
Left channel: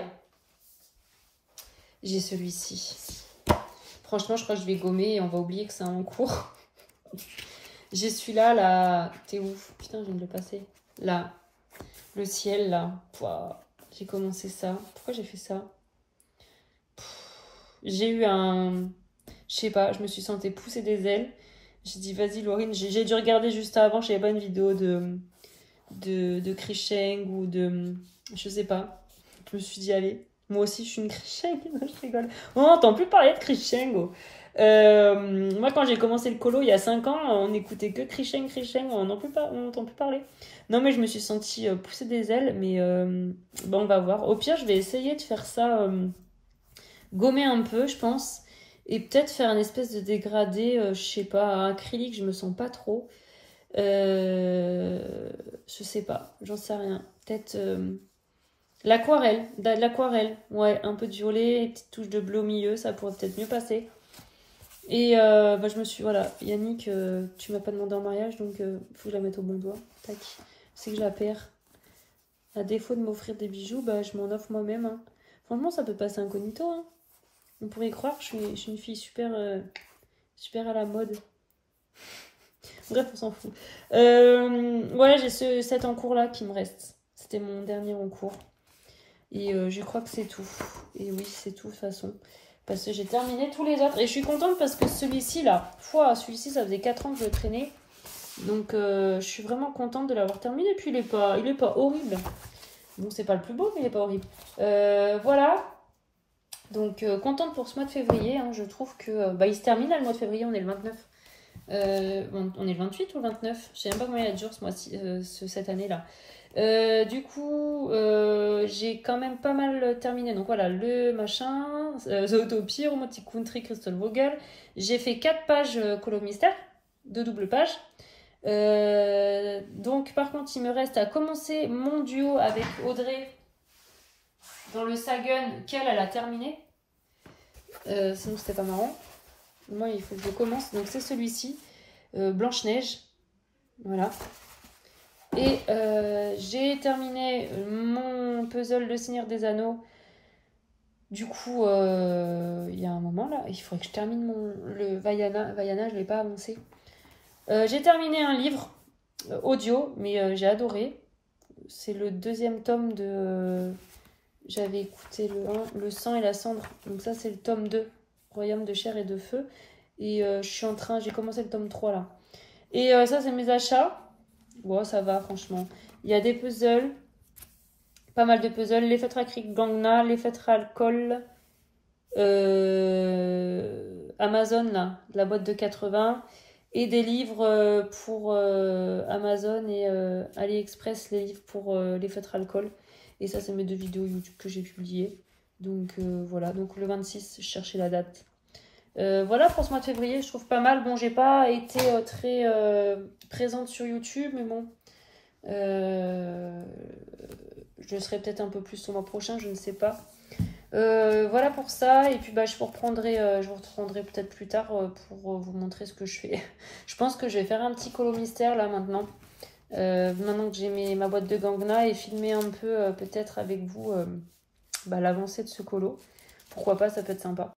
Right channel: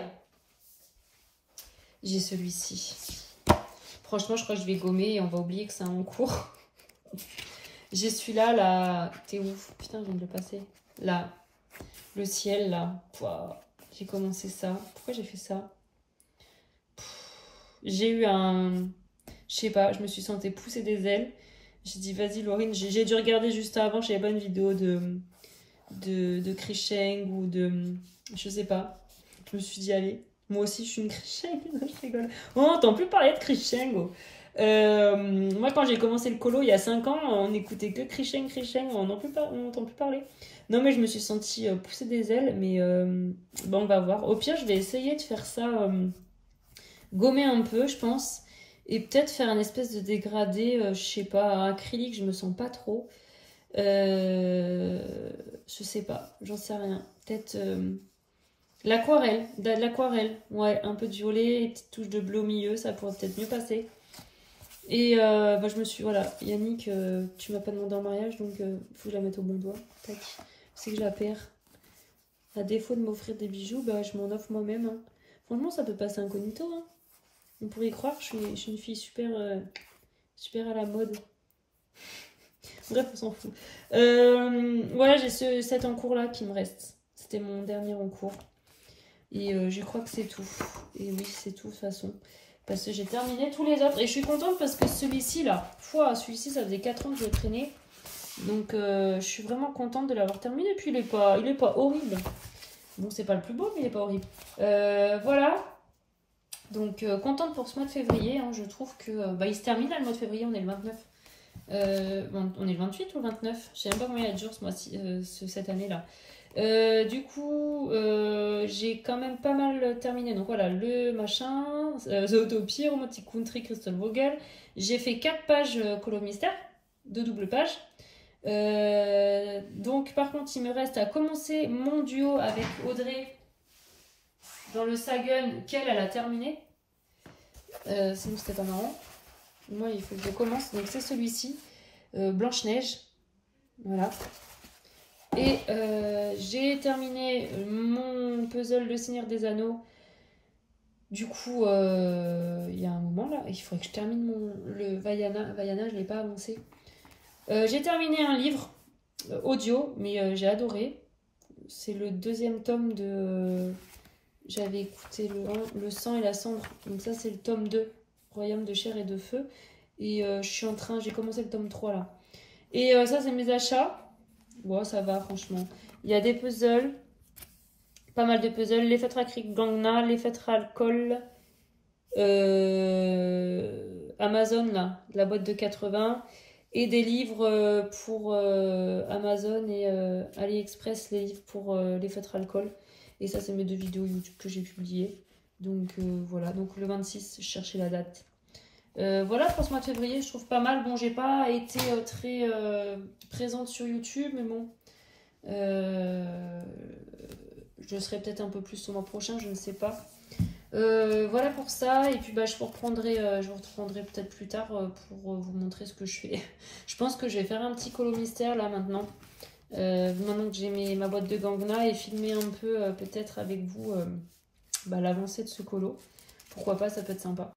J'ai celui-ci. Franchement, je crois que je vais gommer et on va oublier que c'est un en cours. J'ai celui-là, là. T'es ouf. Putain, je viens de le passer. Là. Le ciel, là. J'ai commencé ça. Pourquoi j'ai fait ça? J'ai eu un... Je sais pas, je me suis sentie pousser des ailes. J'ai dit, vas-y, Laurine. J'ai dû regarder juste avant. Je savais pas une vidéo de Krisheng ou de... Je sais pas. Je me suis dit, allez. Moi aussi, je suis une Krisheng. Je rigole. On n'entend plus parler de Krisheng. Moi, quand j'ai commencé le colo il y a 5 ans, on n'écoutait que Krisheng. On n'entend plus parler. Non, mais je me suis sentie pousser des ailes. Mais bon, on va voir. Au pire, je vais essayer de faire ça, gommer un peu, je pense. Et peut-être faire un espèce de dégradé, je sais pas, acrylique, je me sens pas trop. Je sais pas, j'en sais rien. Peut-être l'aquarelle, ouais, un peu de violet, une petite touche de bleu au milieu, ça pourrait peut-être mieux passer. Et bah, je me suis... Voilà, Yannick, tu m'as pas demandé en mariage, donc faut que je la mette au bon doigt. Tac. C'est que je la perds. À défaut de m'offrir des bijoux, bah, je m'en offre moi-même. Hein. Franchement, ça peut passer incognito. Hein. On pourrait croire que je suis une fille super, super à la mode. Bref, on s'en fout. Ouais, j'ai cet encours-là qui me reste. C'était mon dernier encours. Et je crois que c'est tout. Et oui, c'est tout de toute façon. Parce que j'ai terminé tous les autres. Et je suis contente parce que celui-ci, là, celui-ci, ça faisait 4 ans que je le traînais. Donc, je suis vraiment contente de l'avoir terminé. Et puis, il est pas horrible. Donc, c'est pas le plus beau, mais il est pas horrible. Voilà. Donc, contente pour ce mois de février. Hein. Je trouve que bah, il se termine là, le mois de février. On est le 29. On est le 28 ou le 29? Je sais même pas combien il y a de jours cette année-là. Du coup, j'ai quand même pas mal terminé. Donc voilà, le machin, The Utopia, Romantic Country, Crystal Vogel. J'ai fait 4 pages Colo Mystère, 2 doubles pages. Donc par contre, il me reste à commencer mon duo avec Audrey dans le Sagan qu'elle a terminé. Sinon, c'était pas marrant. Moi, il faut que je commence. Donc c'est celui-ci, Blanche-Neige. Voilà. Et j'ai terminé mon puzzle Le Seigneur des Anneaux. Du coup, il y a un moment là, il faudrait que je termine le Vaiana. Vaiana, je ne l'ai pas avancé. J'ai terminé un livre audio, mais j'ai adoré. C'est le 2e tome de... J'avais écouté le sang et la cendre. Donc ça, c'est le tome 2, Royaume de chair et de feu. Et j'ai commencé le tome 3 là. Et ça, c'est mes achats. Bon, ça va, franchement. Il y a des puzzles. Pas mal de puzzles. Les fêtres acryliques Gangna, les fêtres alcool. Amazon, là, de la boîte de 80. Et des livres pour Amazon et AliExpress, les livres pour les fêtres alcool. Et ça, c'est mes 2 vidéos YouTube que j'ai publiées. Donc voilà, donc le 26, je cherchais la date. Voilà pour ce mois de février, je trouve pas mal. Bon, j'ai pas été très présente sur YouTube, mais bon, je serai peut-être un peu plus au mois prochain, je ne sais pas. Voilà pour ça, et puis bah, je vous reprendrai peut-être plus tard pour vous montrer ce que je fais. Je pense que je vais faire un petit colo mystère là maintenant. Maintenant que j'ai ma boîte de Gangna, et filmer un peu peut-être avec vous bah, l'avancée de ce colo. Pourquoi pas, ça peut être sympa.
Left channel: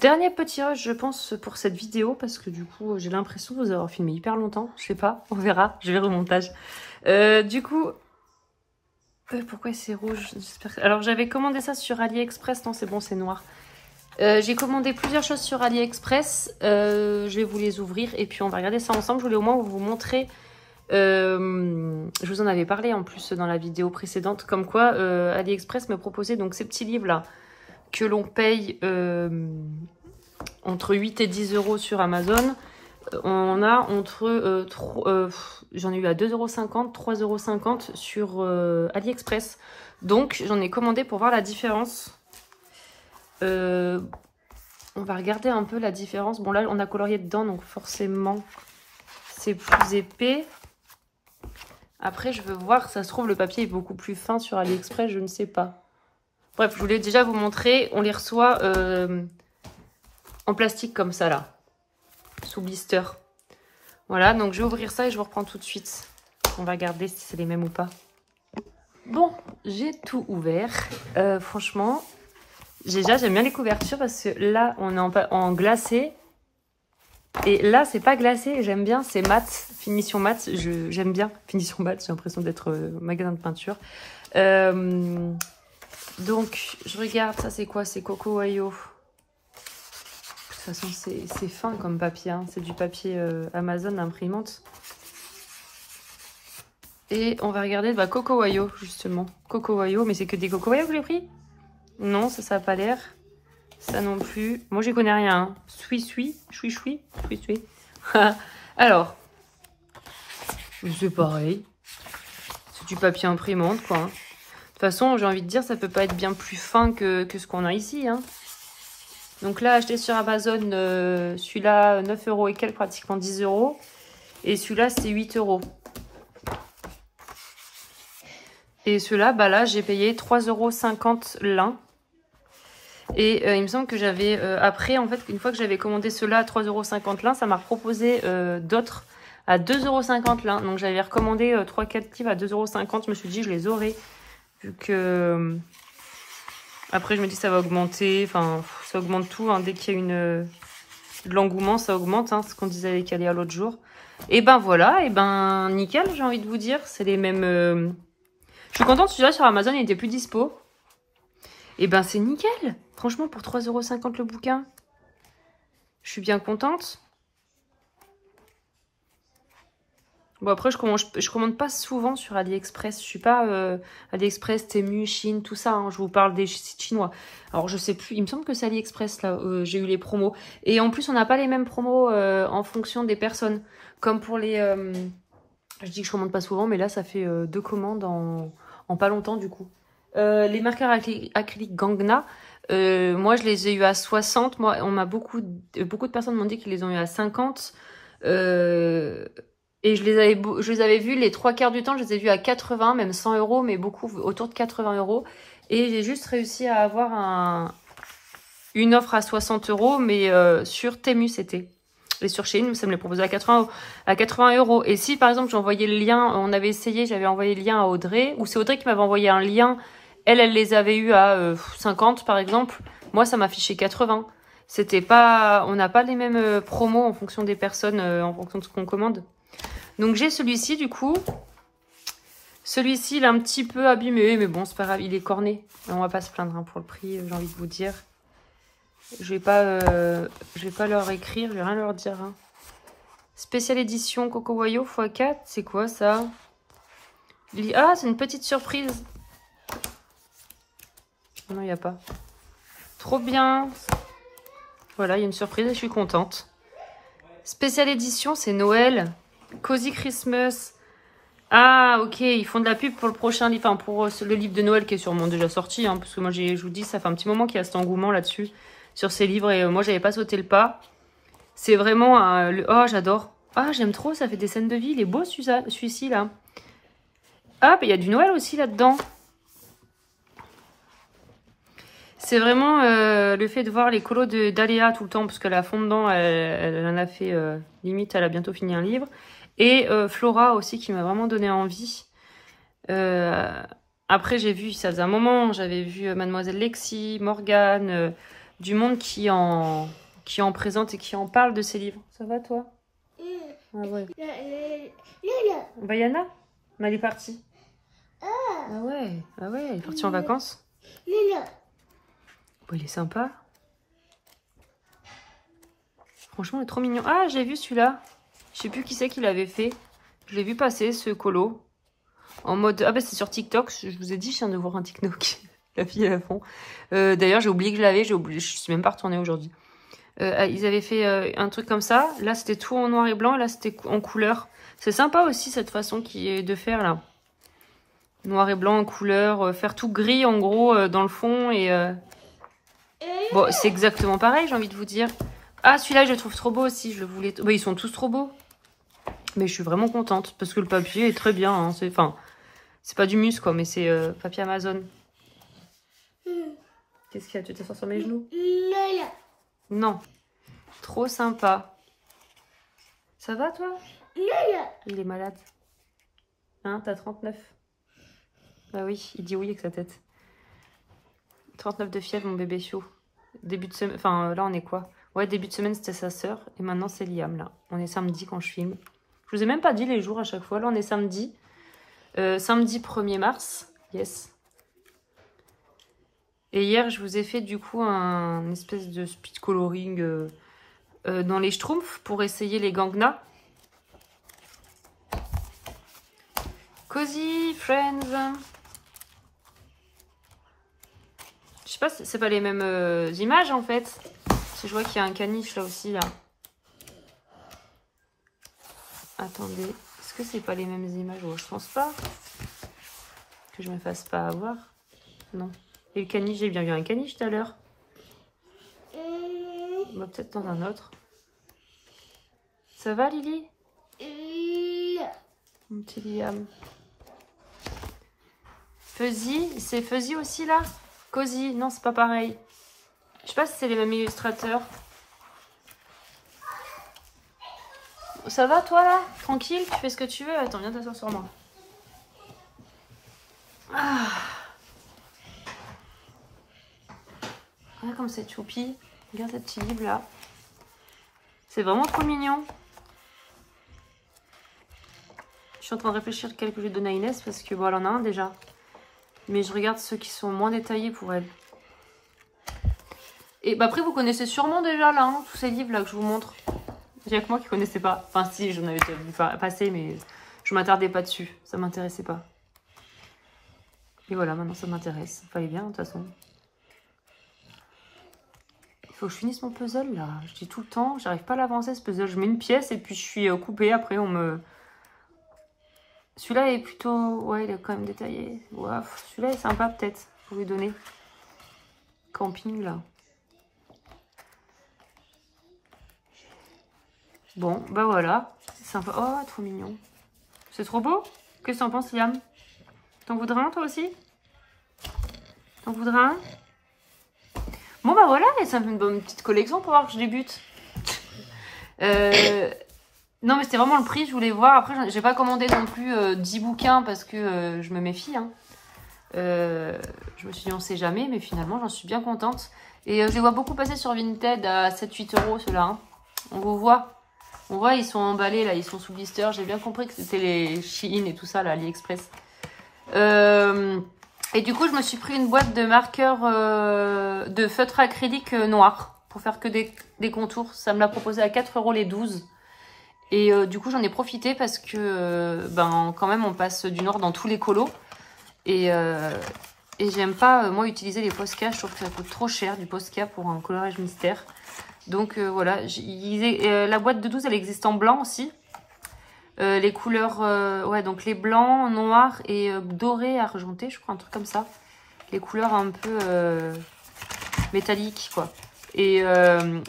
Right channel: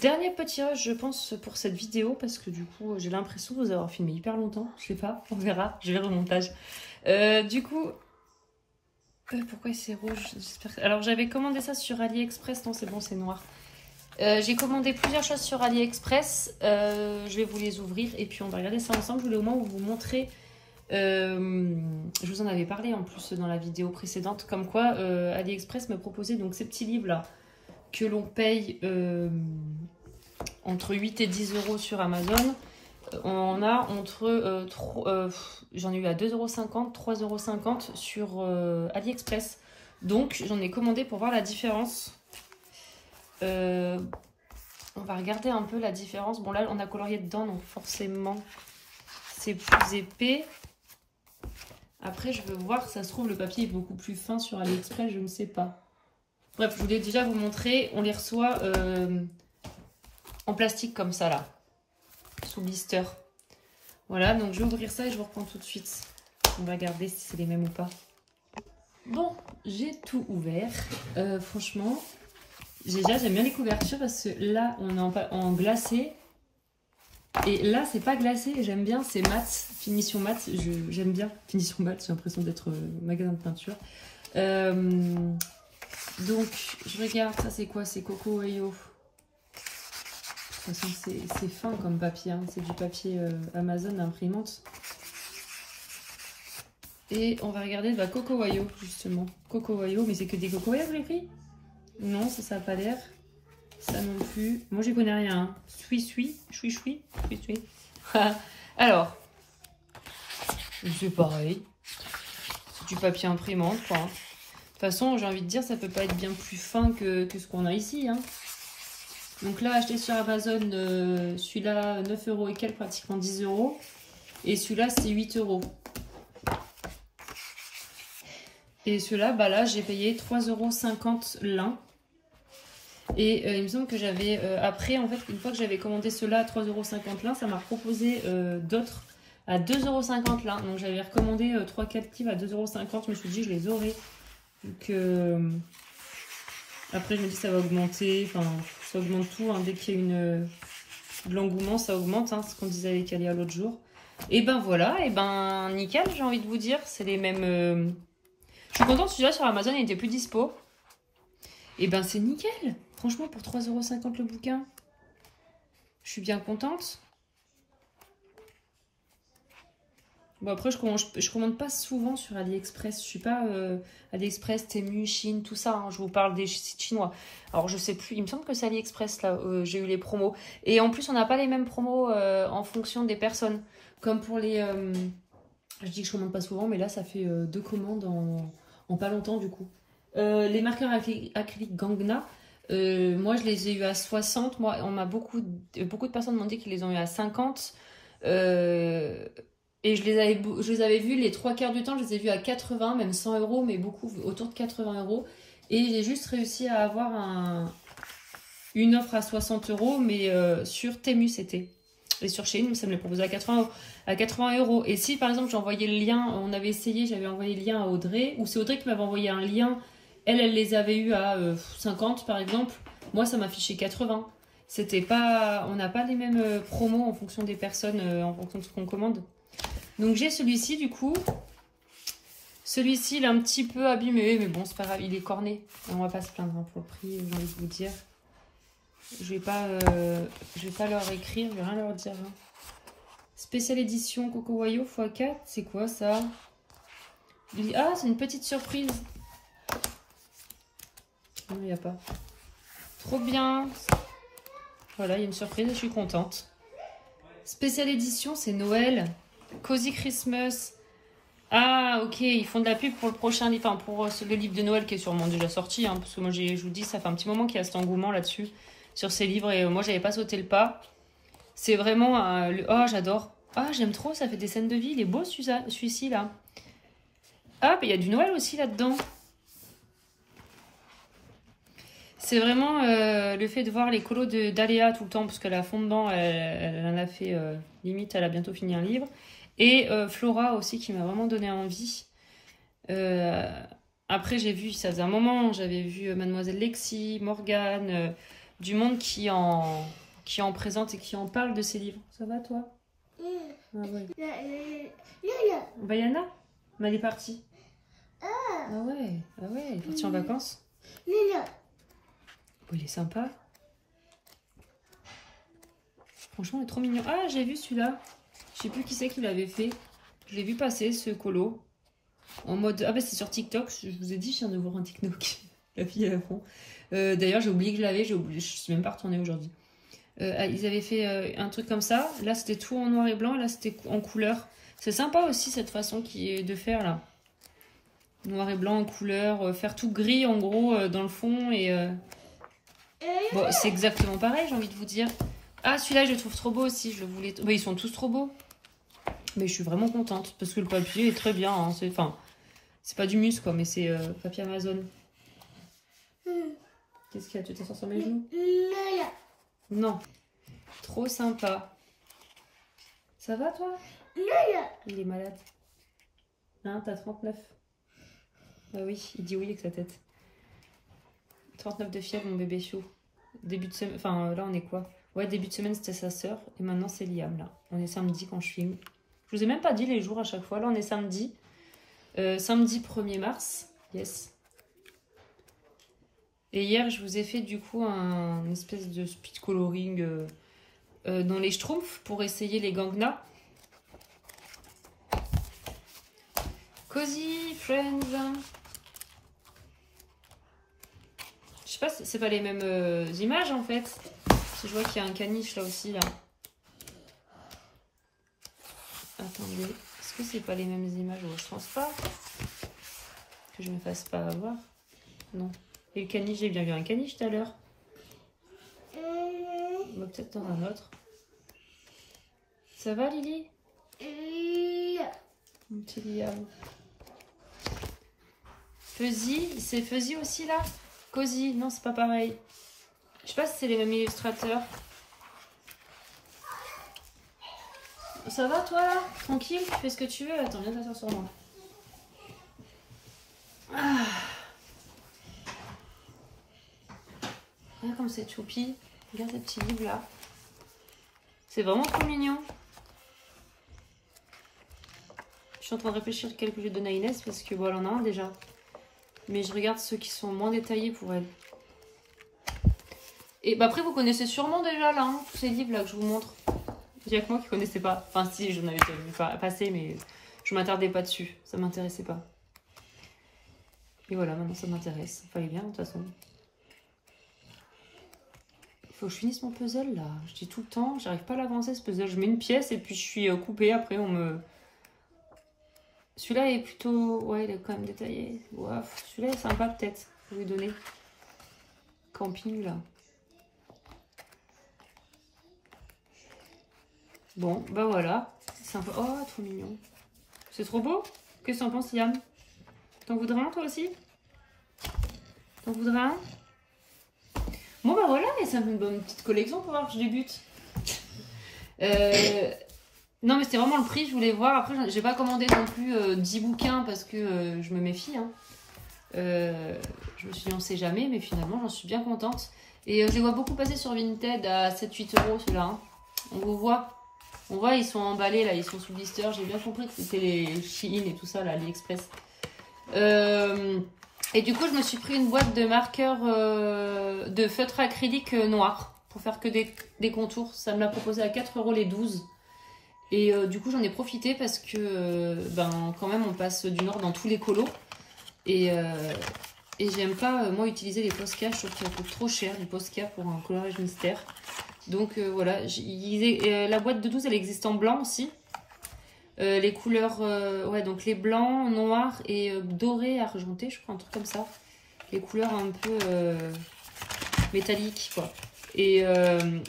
Dernier petit rush, je pense, pour cette vidéo, parce que du coup, j'ai l'impression de vous avoir filmé hyper longtemps. Je sais pas, on verra, je verrai au montage. Du coup, pourquoi c'est rouge? Alors, j'avais commandé ça sur AliExpress. Non, c'est bon, c'est noir. J'ai commandé plusieurs choses sur AliExpress. Je vais vous les ouvrir et puis on va regarder ça ensemble. Je voulais au moins vous montrer. Je vous en avais parlé en plus dans la vidéo précédente, comme quoi AliExpress me proposait donc ces petits livres là que l'on paye entre 8 et 10 € sur Amazon. On a entre j'en ai eu à 2,50 €, 3,50 € sur AliExpress. Donc j'en ai commandé pour voir la différence. On va regarder un peu la différence. Bon là on a colorié dedans, donc forcément c'est plus épais. Après, je veux voir, ça se trouve, le papier est beaucoup plus fin sur AliExpress, je ne sais pas. Bref, je voulais déjà vous montrer. On les reçoit en plastique comme ça, là. Sous blister. Voilà, donc je vais ouvrir ça et je vous reprends tout de suite. On va regarder si c'est les mêmes ou pas. Bon, j'ai tout ouvert. Franchement, déjà, j'aime bien les couvertures parce que là, on est en glacé. Et là, c'est pas glacé. J'aime bien, c'est mat. Finition mat. J'aime bien. Finition mat, j'ai l'impression d'être magasin de peinture. Donc, je regarde, ça c'est quoi? C'est Coco Wayo. De toute façon, c'est fin comme papier. Hein. C'est du papier Amazon imprimante. Et on va regarder bah, Coco Wayo, justement. Coco Wayo, mais c'est que des Coco Wayo que j'ai pris? Non, ça n'a pas l'air. Ça non plus. Moi, je connais rien. Hein. Choui. Alors, c'est pareil. C'est du papier imprimante, quoi. De toute façon, j'ai envie de dire, ça peut pas être bien plus fin que ce qu'on a ici. Hein. Donc là, acheté sur Amazon, celui-là, 9 € et quelques, pratiquement 10 €. Et celui-là, c'est 8 €. Et celui-là, bah là, j'ai payé 3,50 € l'un. Et il me semble que j'avais, après, en fait, une fois que j'avais commandé ceux-là à 3,50 € l'un, ça m'a proposé d'autres à 2,50 € l'un. Donc j'avais recommandé 3-4 livres à 2,50 €. Je me suis dit, je les aurais. Vu que... Après, je me dis, ça va augmenter. Enfin, ça augmente tout. Hein. Dès qu'il y a de l'engouement, ça augmente. Hein, ce qu'on disait avec Aléa l'autre jour. Et ben voilà, et ben nickel, j'ai envie de vous dire. C'est les mêmes... Je suis contente, celui-là sur Amazon, il était plus dispo. Et ben c'est nickel. Franchement, pour 3,50 € le bouquin, je suis bien contente. Bon, après, je commande pas souvent sur AliExpress. Je suis pas AliExpress, Temu, Chine, tout ça. Hein. Je vous parle des sites chinois. Alors, je sais plus. Il me semble que c'est AliExpress, là. J'ai eu les promos. Et en plus, on n'a pas les mêmes promos en fonction des personnes. Comme pour les... je dis que je commande pas souvent, mais là, ça fait 2 commandes en pas longtemps, du coup. Les marqueurs acryliques Gangna, moi, je les ai eu à 60. Moi, beaucoup de personnes m'ont dit qu'ils les ont eu à 50. Et je les avais vus les 3/4 du temps, je les ai vus à 80, même 100 €, mais beaucoup autour de 80 €. Et j'ai juste réussi à avoir une offre à 60 €, mais sur Temu c'était. Et sur Shein, ça me les proposait à 80 €. Et si par exemple j'envoyais le lien, on avait essayé, j'avais envoyé le lien à Audrey, ou c'est Audrey qui m'avait envoyé un lien, elle les avait eu à 50 par exemple, moi ça m'affichait 80. C'était pas, on n'a pas les mêmes promos en fonction des personnes, en fonction de ce qu'on commande. Donc j'ai celui-ci du coup. Celui-ci il est un petit peu abîmé, mais bon c'est pas grave, il est corné. On va pas se plaindre hein, pour le prix, j'ai envie de vous dire. Je vais pas leur écrire, je vais rien leur dire. Hein. Spéciale édition Coco Wayo x4, c'est quoi ça? Ah, c'est une petite surprise. Non, il n'y a pas. Trop bien. Voilà, il y a une surprise et je suis contente. Spéciale édition, c'est Noël. Cozy Christmas. Ah, ok, ils font de la pub pour le prochain livre, enfin pour le livre de Noël qui est sûrement déjà sorti. Hein, parce que moi, je vous dis, ça fait un petit moment qu'il y a cet engouement là-dessus. Sur ces livres et moi j'avais pas sauté le pas. C'est vraiment oh j'adore. Ah j'aime trop, ça fait des scènes de vie. Il est beau celui-ci là. Ah il y a du Noël aussi là-dedans. C'est vraiment le fait de voir les colos d'Aléa tout le temps parce qu'elle a fond dedans, elle en a fait limite, elle a bientôt fini un livre. Et Flora aussi qui m'a vraiment donné envie. Après j'ai vu, ça faisait un moment, j'avais vu Mademoiselle Lexi, Morgane, du monde qui en présente et qui en parle de ces livres. Ça va toi? Ah ouais. Bayana? Mais elle est partie. Ah ouais, elle est partie en vacances. Bon, il est sympa. Franchement, il est trop mignon. Ah, j'ai vu celui-là. Je sais plus qui c'est qui l'avait fait. Je l'ai vu passer, ce colo. En mode... Ah bah c'est sur TikTok. Je vous ai dit, je viens de voir un TikTok. La fille à fond. D'ailleurs, j'ai oublié que je l'avais. Je suis même pas retournée aujourd'hui. Ils avaient fait un truc comme ça. Là, c'était tout en noir et blanc. Là, c'était en couleur. C'est sympa aussi, cette façon qui est de faire, là. Noir et blanc en couleur. Faire tout gris, en gros, dans le fond. Et bon, c'est exactement pareil, j'ai envie de vous dire. Ah, celui-là, je le trouve trop beau aussi. Je le voulais... Oui, ils sont tous trop beaux. Mais je suis vraiment contente parce que le papier est très bien. Hein. Enfin, c'est pas du mus quoi, mais c'est papier Amazon. Qu'est-ce qu'il y a? Tu t'assois sur mes genoux? Non. Trop sympa. Ça va toi? Il est malade. Hein, t'as 39. Bah oui, il dit oui avec sa tête. 39 de fièvre, mon bébé Chio. Début de semaine, enfin là on est quoi? Ouais, début de semaine c'était sa sœur et maintenant c'est Liam là. On est samedi quand je filme. Je vous ai même pas dit les jours à chaque fois. Là on est samedi. Samedi 1er mars. Yes. Et hier je vous ai fait du coup un espèce de speed coloring dans les Schtroumpfs pour essayer les Gangnam. Cozy Friends. Je sais pas, c'est pas les mêmes images en fait. Je vois qu'il y a un caniche là aussi là. Attendez, est-ce que c'est pas les mêmes images? Oh, je pense pas. Que je me fasse pas avoir. Non. Et le caniche, j'ai bien vu un caniche tout à l'heure. Bah, peut-être dans un autre. Ça va Lily? Mon petit Liam. Fuzzy, c'est Fuzzy aussi là? Cozy, non c'est pas pareil. Je sais pas si c'est les mêmes illustrateurs. Ça va toi là? Tranquille? Tu fais ce que tu veux? Attends, viens t'asseoir sur moi. Ah. Regarde comme c'est choupi. Regarde ce petit livre là. C'est vraiment trop mignon. Je suis en train de réfléchir lequel que je vais donner à Inès parce que bon, elle en a un déjà. Mais je regarde ceux qui sont moins détaillés pour elle. Et bah après, vous connaissez sûrement déjà là, hein, tous ces livres là que je vous montre. J'ai que moi qui connaissais pas. Enfin, si, j'en avais déjà vu passer, mais je m'attardais pas dessus. Ça m'intéressait pas. Et voilà, maintenant ça m'intéresse. Ça fallait bien, de toute façon. Il faut que je finisse mon puzzle là. Je dis tout le temps, j'arrive pas à l'avancer ce puzzle. Je mets une pièce et puis je suis coupée. Après, on me. Celui-là est plutôt... Ouais, il est quand même détaillé. Wow. Celui-là est sympa peut-être. Je vais lui donner. Camping là. Bon, bah voilà. C'est sympa. Oh, trop mignon. C'est trop beau. Qu'est-ce que t'en penses, Liam? T'en voudrais un toi aussi? T'en voudrais un? Bon bah voilà, et ça me fait une bonne petite collection pour voir que je débute. Non mais c'était vraiment le prix, je voulais voir. Après j'ai pas commandé non plus 10 bouquins parce que je me méfie. Hein. Je me suis dit on sait jamais, mais finalement j'en suis bien contente. Et je les vois beaucoup passer sur Vinted à 7-8 € ceux-là. Hein. On voit ils sont emballés là, ils sont sous blister. J'ai bien compris que c'était les Shein et tout ça là, AliExpress. Et du coup je me suis pris une boîte de marqueurs de feutre acrylique noir pour faire que des contours. Ça me l'a proposé à 4 € les 12. Et du coup j'en ai profité parce que quand même on passe du Nord dans tous les colos. Et j'aime pas moi utiliser les Posca, je trouve que ça coûte trop cher du Posca pour un coloriage mystère. Donc voilà, la boîte de 12 elle existe en blanc aussi. Les couleurs, ouais donc les blancs, noirs et dorés, argentés, je crois un truc comme ça. Les couleurs un peu métalliques quoi. Et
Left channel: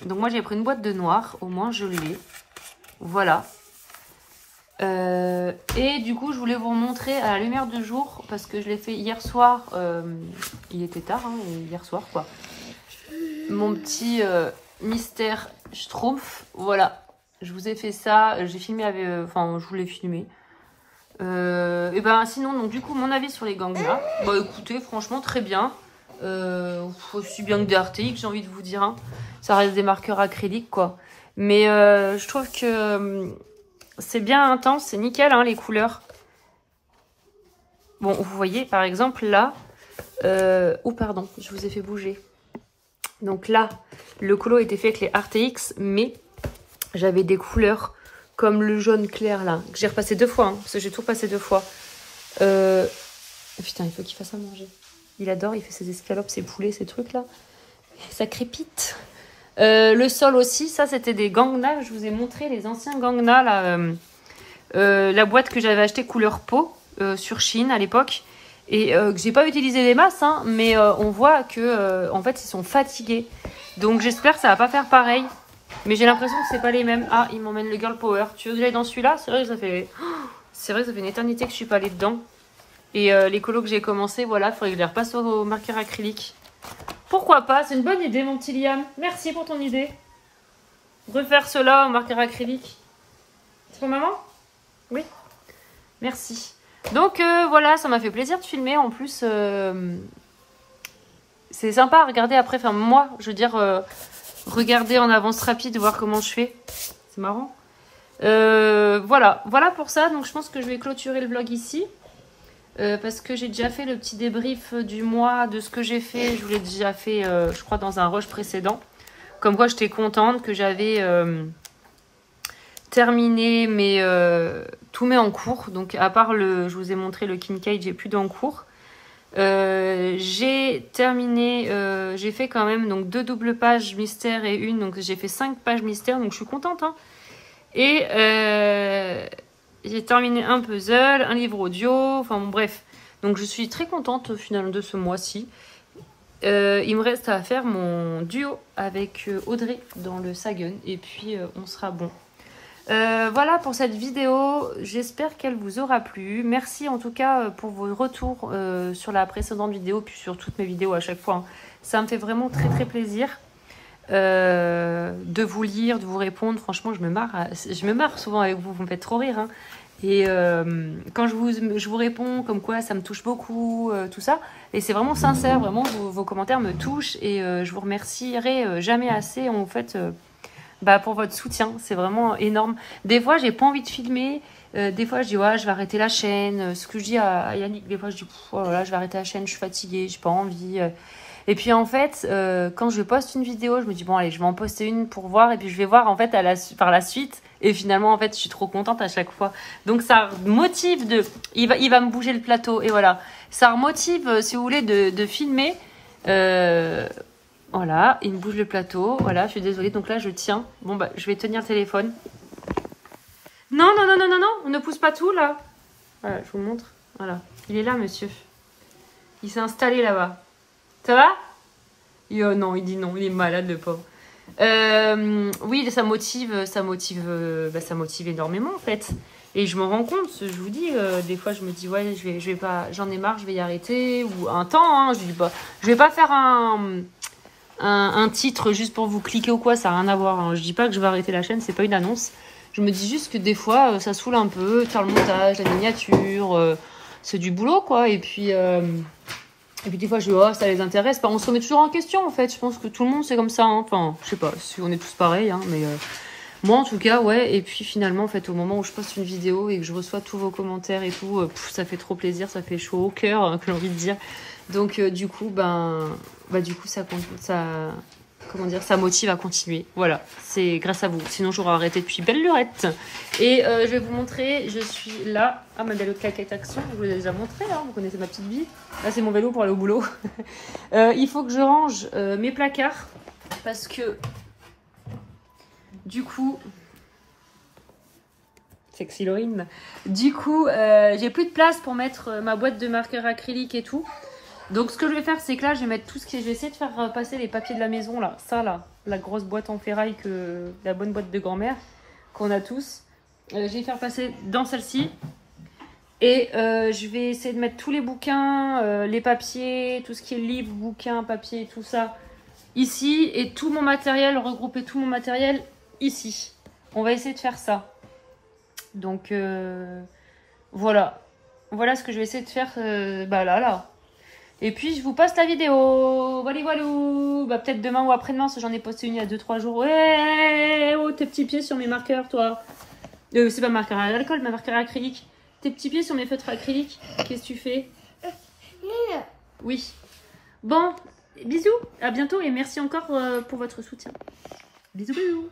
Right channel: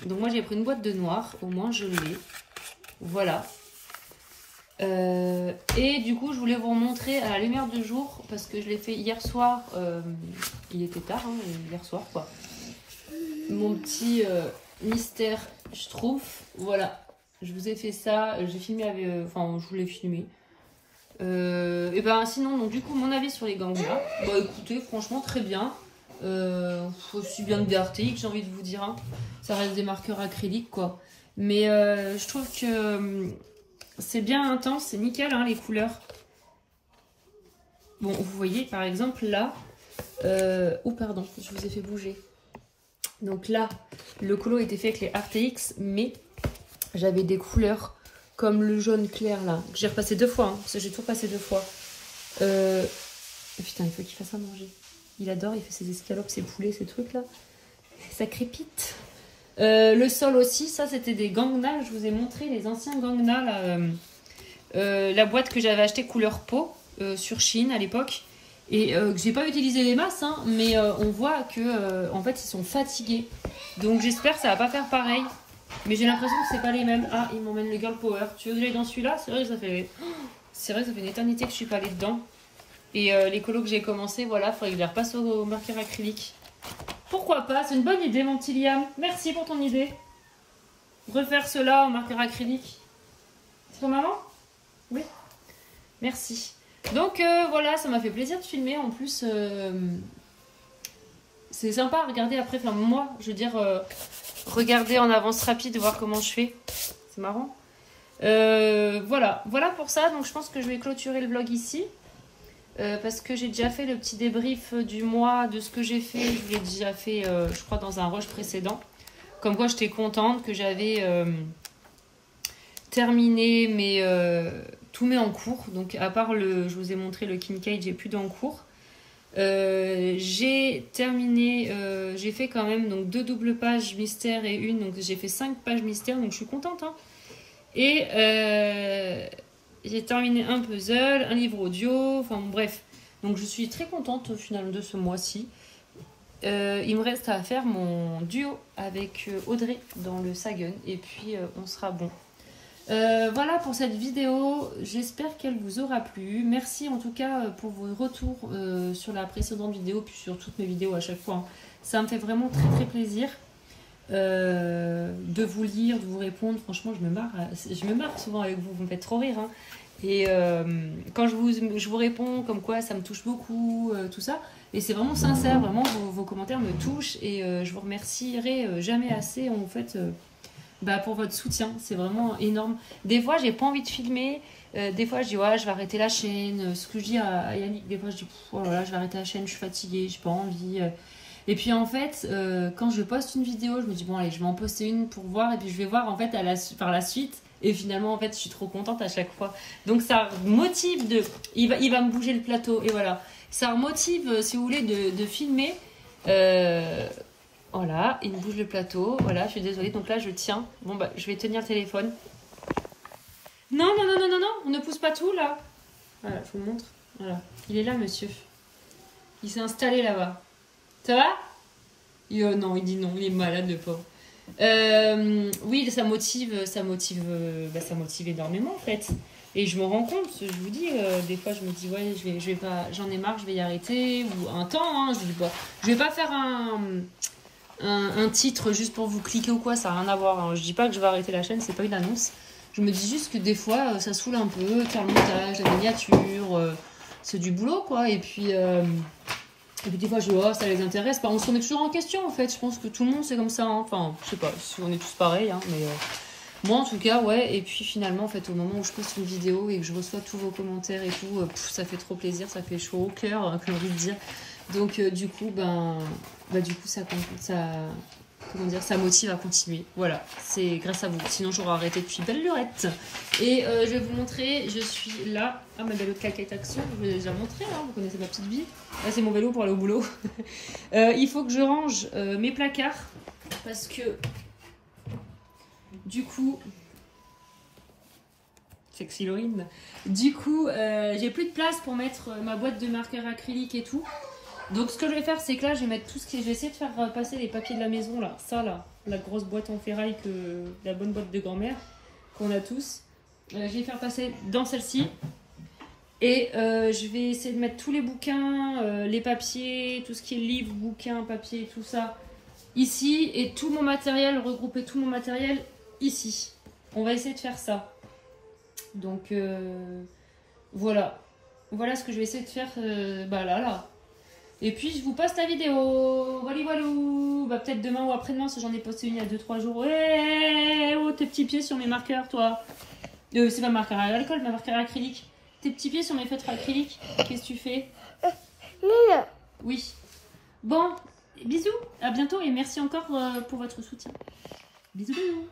donc moi j'ai pris une boîte de noir, au moins je l'ai. Voilà. Et du coup je voulais vous montrer à la lumière du jour parce que je l'ai fait hier soir. Il était tard hein, hier soir quoi. Mon petit mystère Schtroumpf. Voilà. Je vous ai fait ça. J'ai filmé avec. Enfin je voulais filmer. Et sinon donc du coup mon avis sur les Gangnam. Bah écoutez franchement très bien. Aussi bien que des RTX j'ai envie de vous dire. Hein. Ça reste des marqueurs acryliques quoi. Mais je trouve que c'est bien intense, c'est nickel hein, les couleurs. Bon, vous voyez par exemple là, oh pardon, je vous ai fait bouger. Donc là, le colo était fait avec les RTX, mais j'avais des couleurs comme le jaune clair là, que j'ai repassé 2 fois, hein, parce que j'ai tout passé 2 fois. Putain, il faut qu'il fasse à manger. Il adore, il fait ses escalopes, ses poulets, ces trucs là. Ça crépite. Le sol aussi, ça c'était des Gangnam. Je vous ai montré les anciens Gangnam là, la boîte que j'avais acheté couleur peau sur Shein à l'époque et que j'ai pas utilisé des masses hein, mais on voit que en fait ils sont fatigués donc j'espère que ça va pas faire pareil. Mais j'ai l'impression que c'est pas les mêmes. Ah, il m'emmène le Girl Power. Tu veux que j'aille dans celui-là? C'est vrai que ça fait... C'est vrai que ça fait une éternité que je suis pas allée dedans. Et les colos que j'ai commencé, voilà, il faudrait que je les repasse au marqueur acrylique. Pourquoi pas? C'est une bonne idée, mon petit Liam. Merci pour ton idée. Refaire cela au marqueur acrylique. C'est pour maman? Oui. Merci. Donc voilà, ça m'a fait plaisir de filmer. En plus, c'est sympa à regarder après. Enfin, moi, je veux dire, regarder en avance rapide, voir comment je fais. C'est marrant. Voilà pour ça. Donc je pense que je vais clôturer le vlog ici. Parce que j'ai déjà fait le petit débrief du mois de ce que j'ai fait. Je l'ai déjà fait, je crois, dans un rush précédent. Comme quoi, j'étais contente que j'avais terminé tous mes en cours. Donc, à part je vous ai montré le Kincaid, j'ai plus d'en cours. J'ai terminé, j'ai fait quand même donc 2 doubles pages mystère et une. Donc, j'ai fait 5 pages mystère. Donc, je suis contente. Hein. Et j'ai terminé un puzzle, un livre audio, enfin bon, bref. Donc je suis très contente au final de ce mois-ci. Il me reste à faire mon duo avec Audrey dans le Sagan et puis on sera bon. Voilà pour cette vidéo, j'espère qu'elle vous aura plu. Merci en tout cas pour vos retours sur la précédente vidéo puis sur toutes mes vidéos à chaque fois. Hein. Ça me fait vraiment très très plaisir. De vous lire, de vous répondre. Franchement, je me marre souvent avec vous, vous me faites trop rire. Hein. Et quand je vous réponds comme quoi ça me touche beaucoup, tout ça. Et c'est vraiment sincère, vraiment, vos commentaires me touchent. Et je vous remercierai jamais assez en fait pour votre soutien. C'est vraiment énorme. Des fois, j'ai pas envie de filmer. Des fois, je dis, ouais, je vais arrêter la chaîne. Ce que je dis à Yannick, des fois, je dis, oh là là, je vais arrêter la chaîne, je suis fatiguée, j'ai pas envie. Et puis en fait, quand je poste une vidéo, je me dis bon allez, je vais en poster une pour voir et puis je vais voir en fait par la suite. Et finalement en fait, je suis trop contente à chaque fois. Donc ça motive il va me bouger le plateau et voilà. Ça motive si vous voulez de filmer. Voilà, il me bouge le plateau. Voilà, je suis désolée. Donc là je tiens. Bon bah je vais tenir le téléphone. Non, on ne pousse pas tout là. Voilà, je vous montre. Voilà, il est là monsieur. Il s'est installé là-bas. Ça va? Non, il dit non, il est malade le pauvre. Oui, ça motive énormément en fait. Et je me rends compte, je vous dis, des fois je me dis ouais, je vais pas, j'en ai marre, je vais y arrêter ou un temps. Hein, je vais pas faire un titre juste pour vous cliquer ou quoi, ça n'a rien à voir. Hein. Je dis pas que je vais arrêter la chaîne, c'est pas une annonce. Je me dis juste que des fois ça saoule un peu, faire le montage, la miniature, c'est du boulot quoi. Et puis des fois, je dis, oh, ça les intéresse pas. On se remet toujours en question, en fait. Je pense que tout le monde, c'est comme ça. Hein. Enfin, je sais pas si on est tous pareils, hein, mais moi, en tout cas, ouais. Et puis, finalement, en fait, au moment où je poste une vidéo et que je reçois tous vos commentaires et tout, ça fait trop plaisir, ça fait chaud au cœur, hein, que j'ai envie de dire. Donc, du coup, comment dire, ça motive à continuer. Voilà, c'est grâce à vous. Sinon, j'aurais arrêté depuis belle lurette. Et je vais vous montrer, je suis là. Ah, ma belle claquette action, je vous l'ai déjà montré, hein, vous connaissez ma petite vie. Là, c'est mon vélo pour aller au boulot. Il faut que je range mes placards parce que, du coup, sexy Laurine, du coup, j'ai plus de place pour mettre ma boîte de marqueurs acrylique et tout. Donc ce que je vais faire, c'est que là je vais mettre tout ce qui est... Je vais essayer de faire passer les papiers de la maison là. Ça là, la grosse boîte en ferraille, la bonne boîte de grand-mère qu'on a tous. Je vais faire passer dans celle-ci. Et je vais essayer de mettre tous les bouquins, les papiers, tout ce qui est livres, bouquins, papiers, tout ça ici. Et tout mon matériel, regrouper tout mon matériel ici. On va essayer de faire ça. Donc voilà. Voilà ce que je vais essayer de faire là. Et puis je vous poste la vidéo. Voilà. Peut-être demain ou après-demain, si j'en ai posté une il y a 2-3 jours. Ouais, oh, tes petits pieds sur mes marqueurs, toi. C'est pas marqueur à l'alcool, mais marqueur acrylique. Tes petits pieds sur mes feutres acryliques. Qu'est-ce que tu fais? Oui. Bon, bisous. À bientôt et merci encore pour votre soutien. Bisous.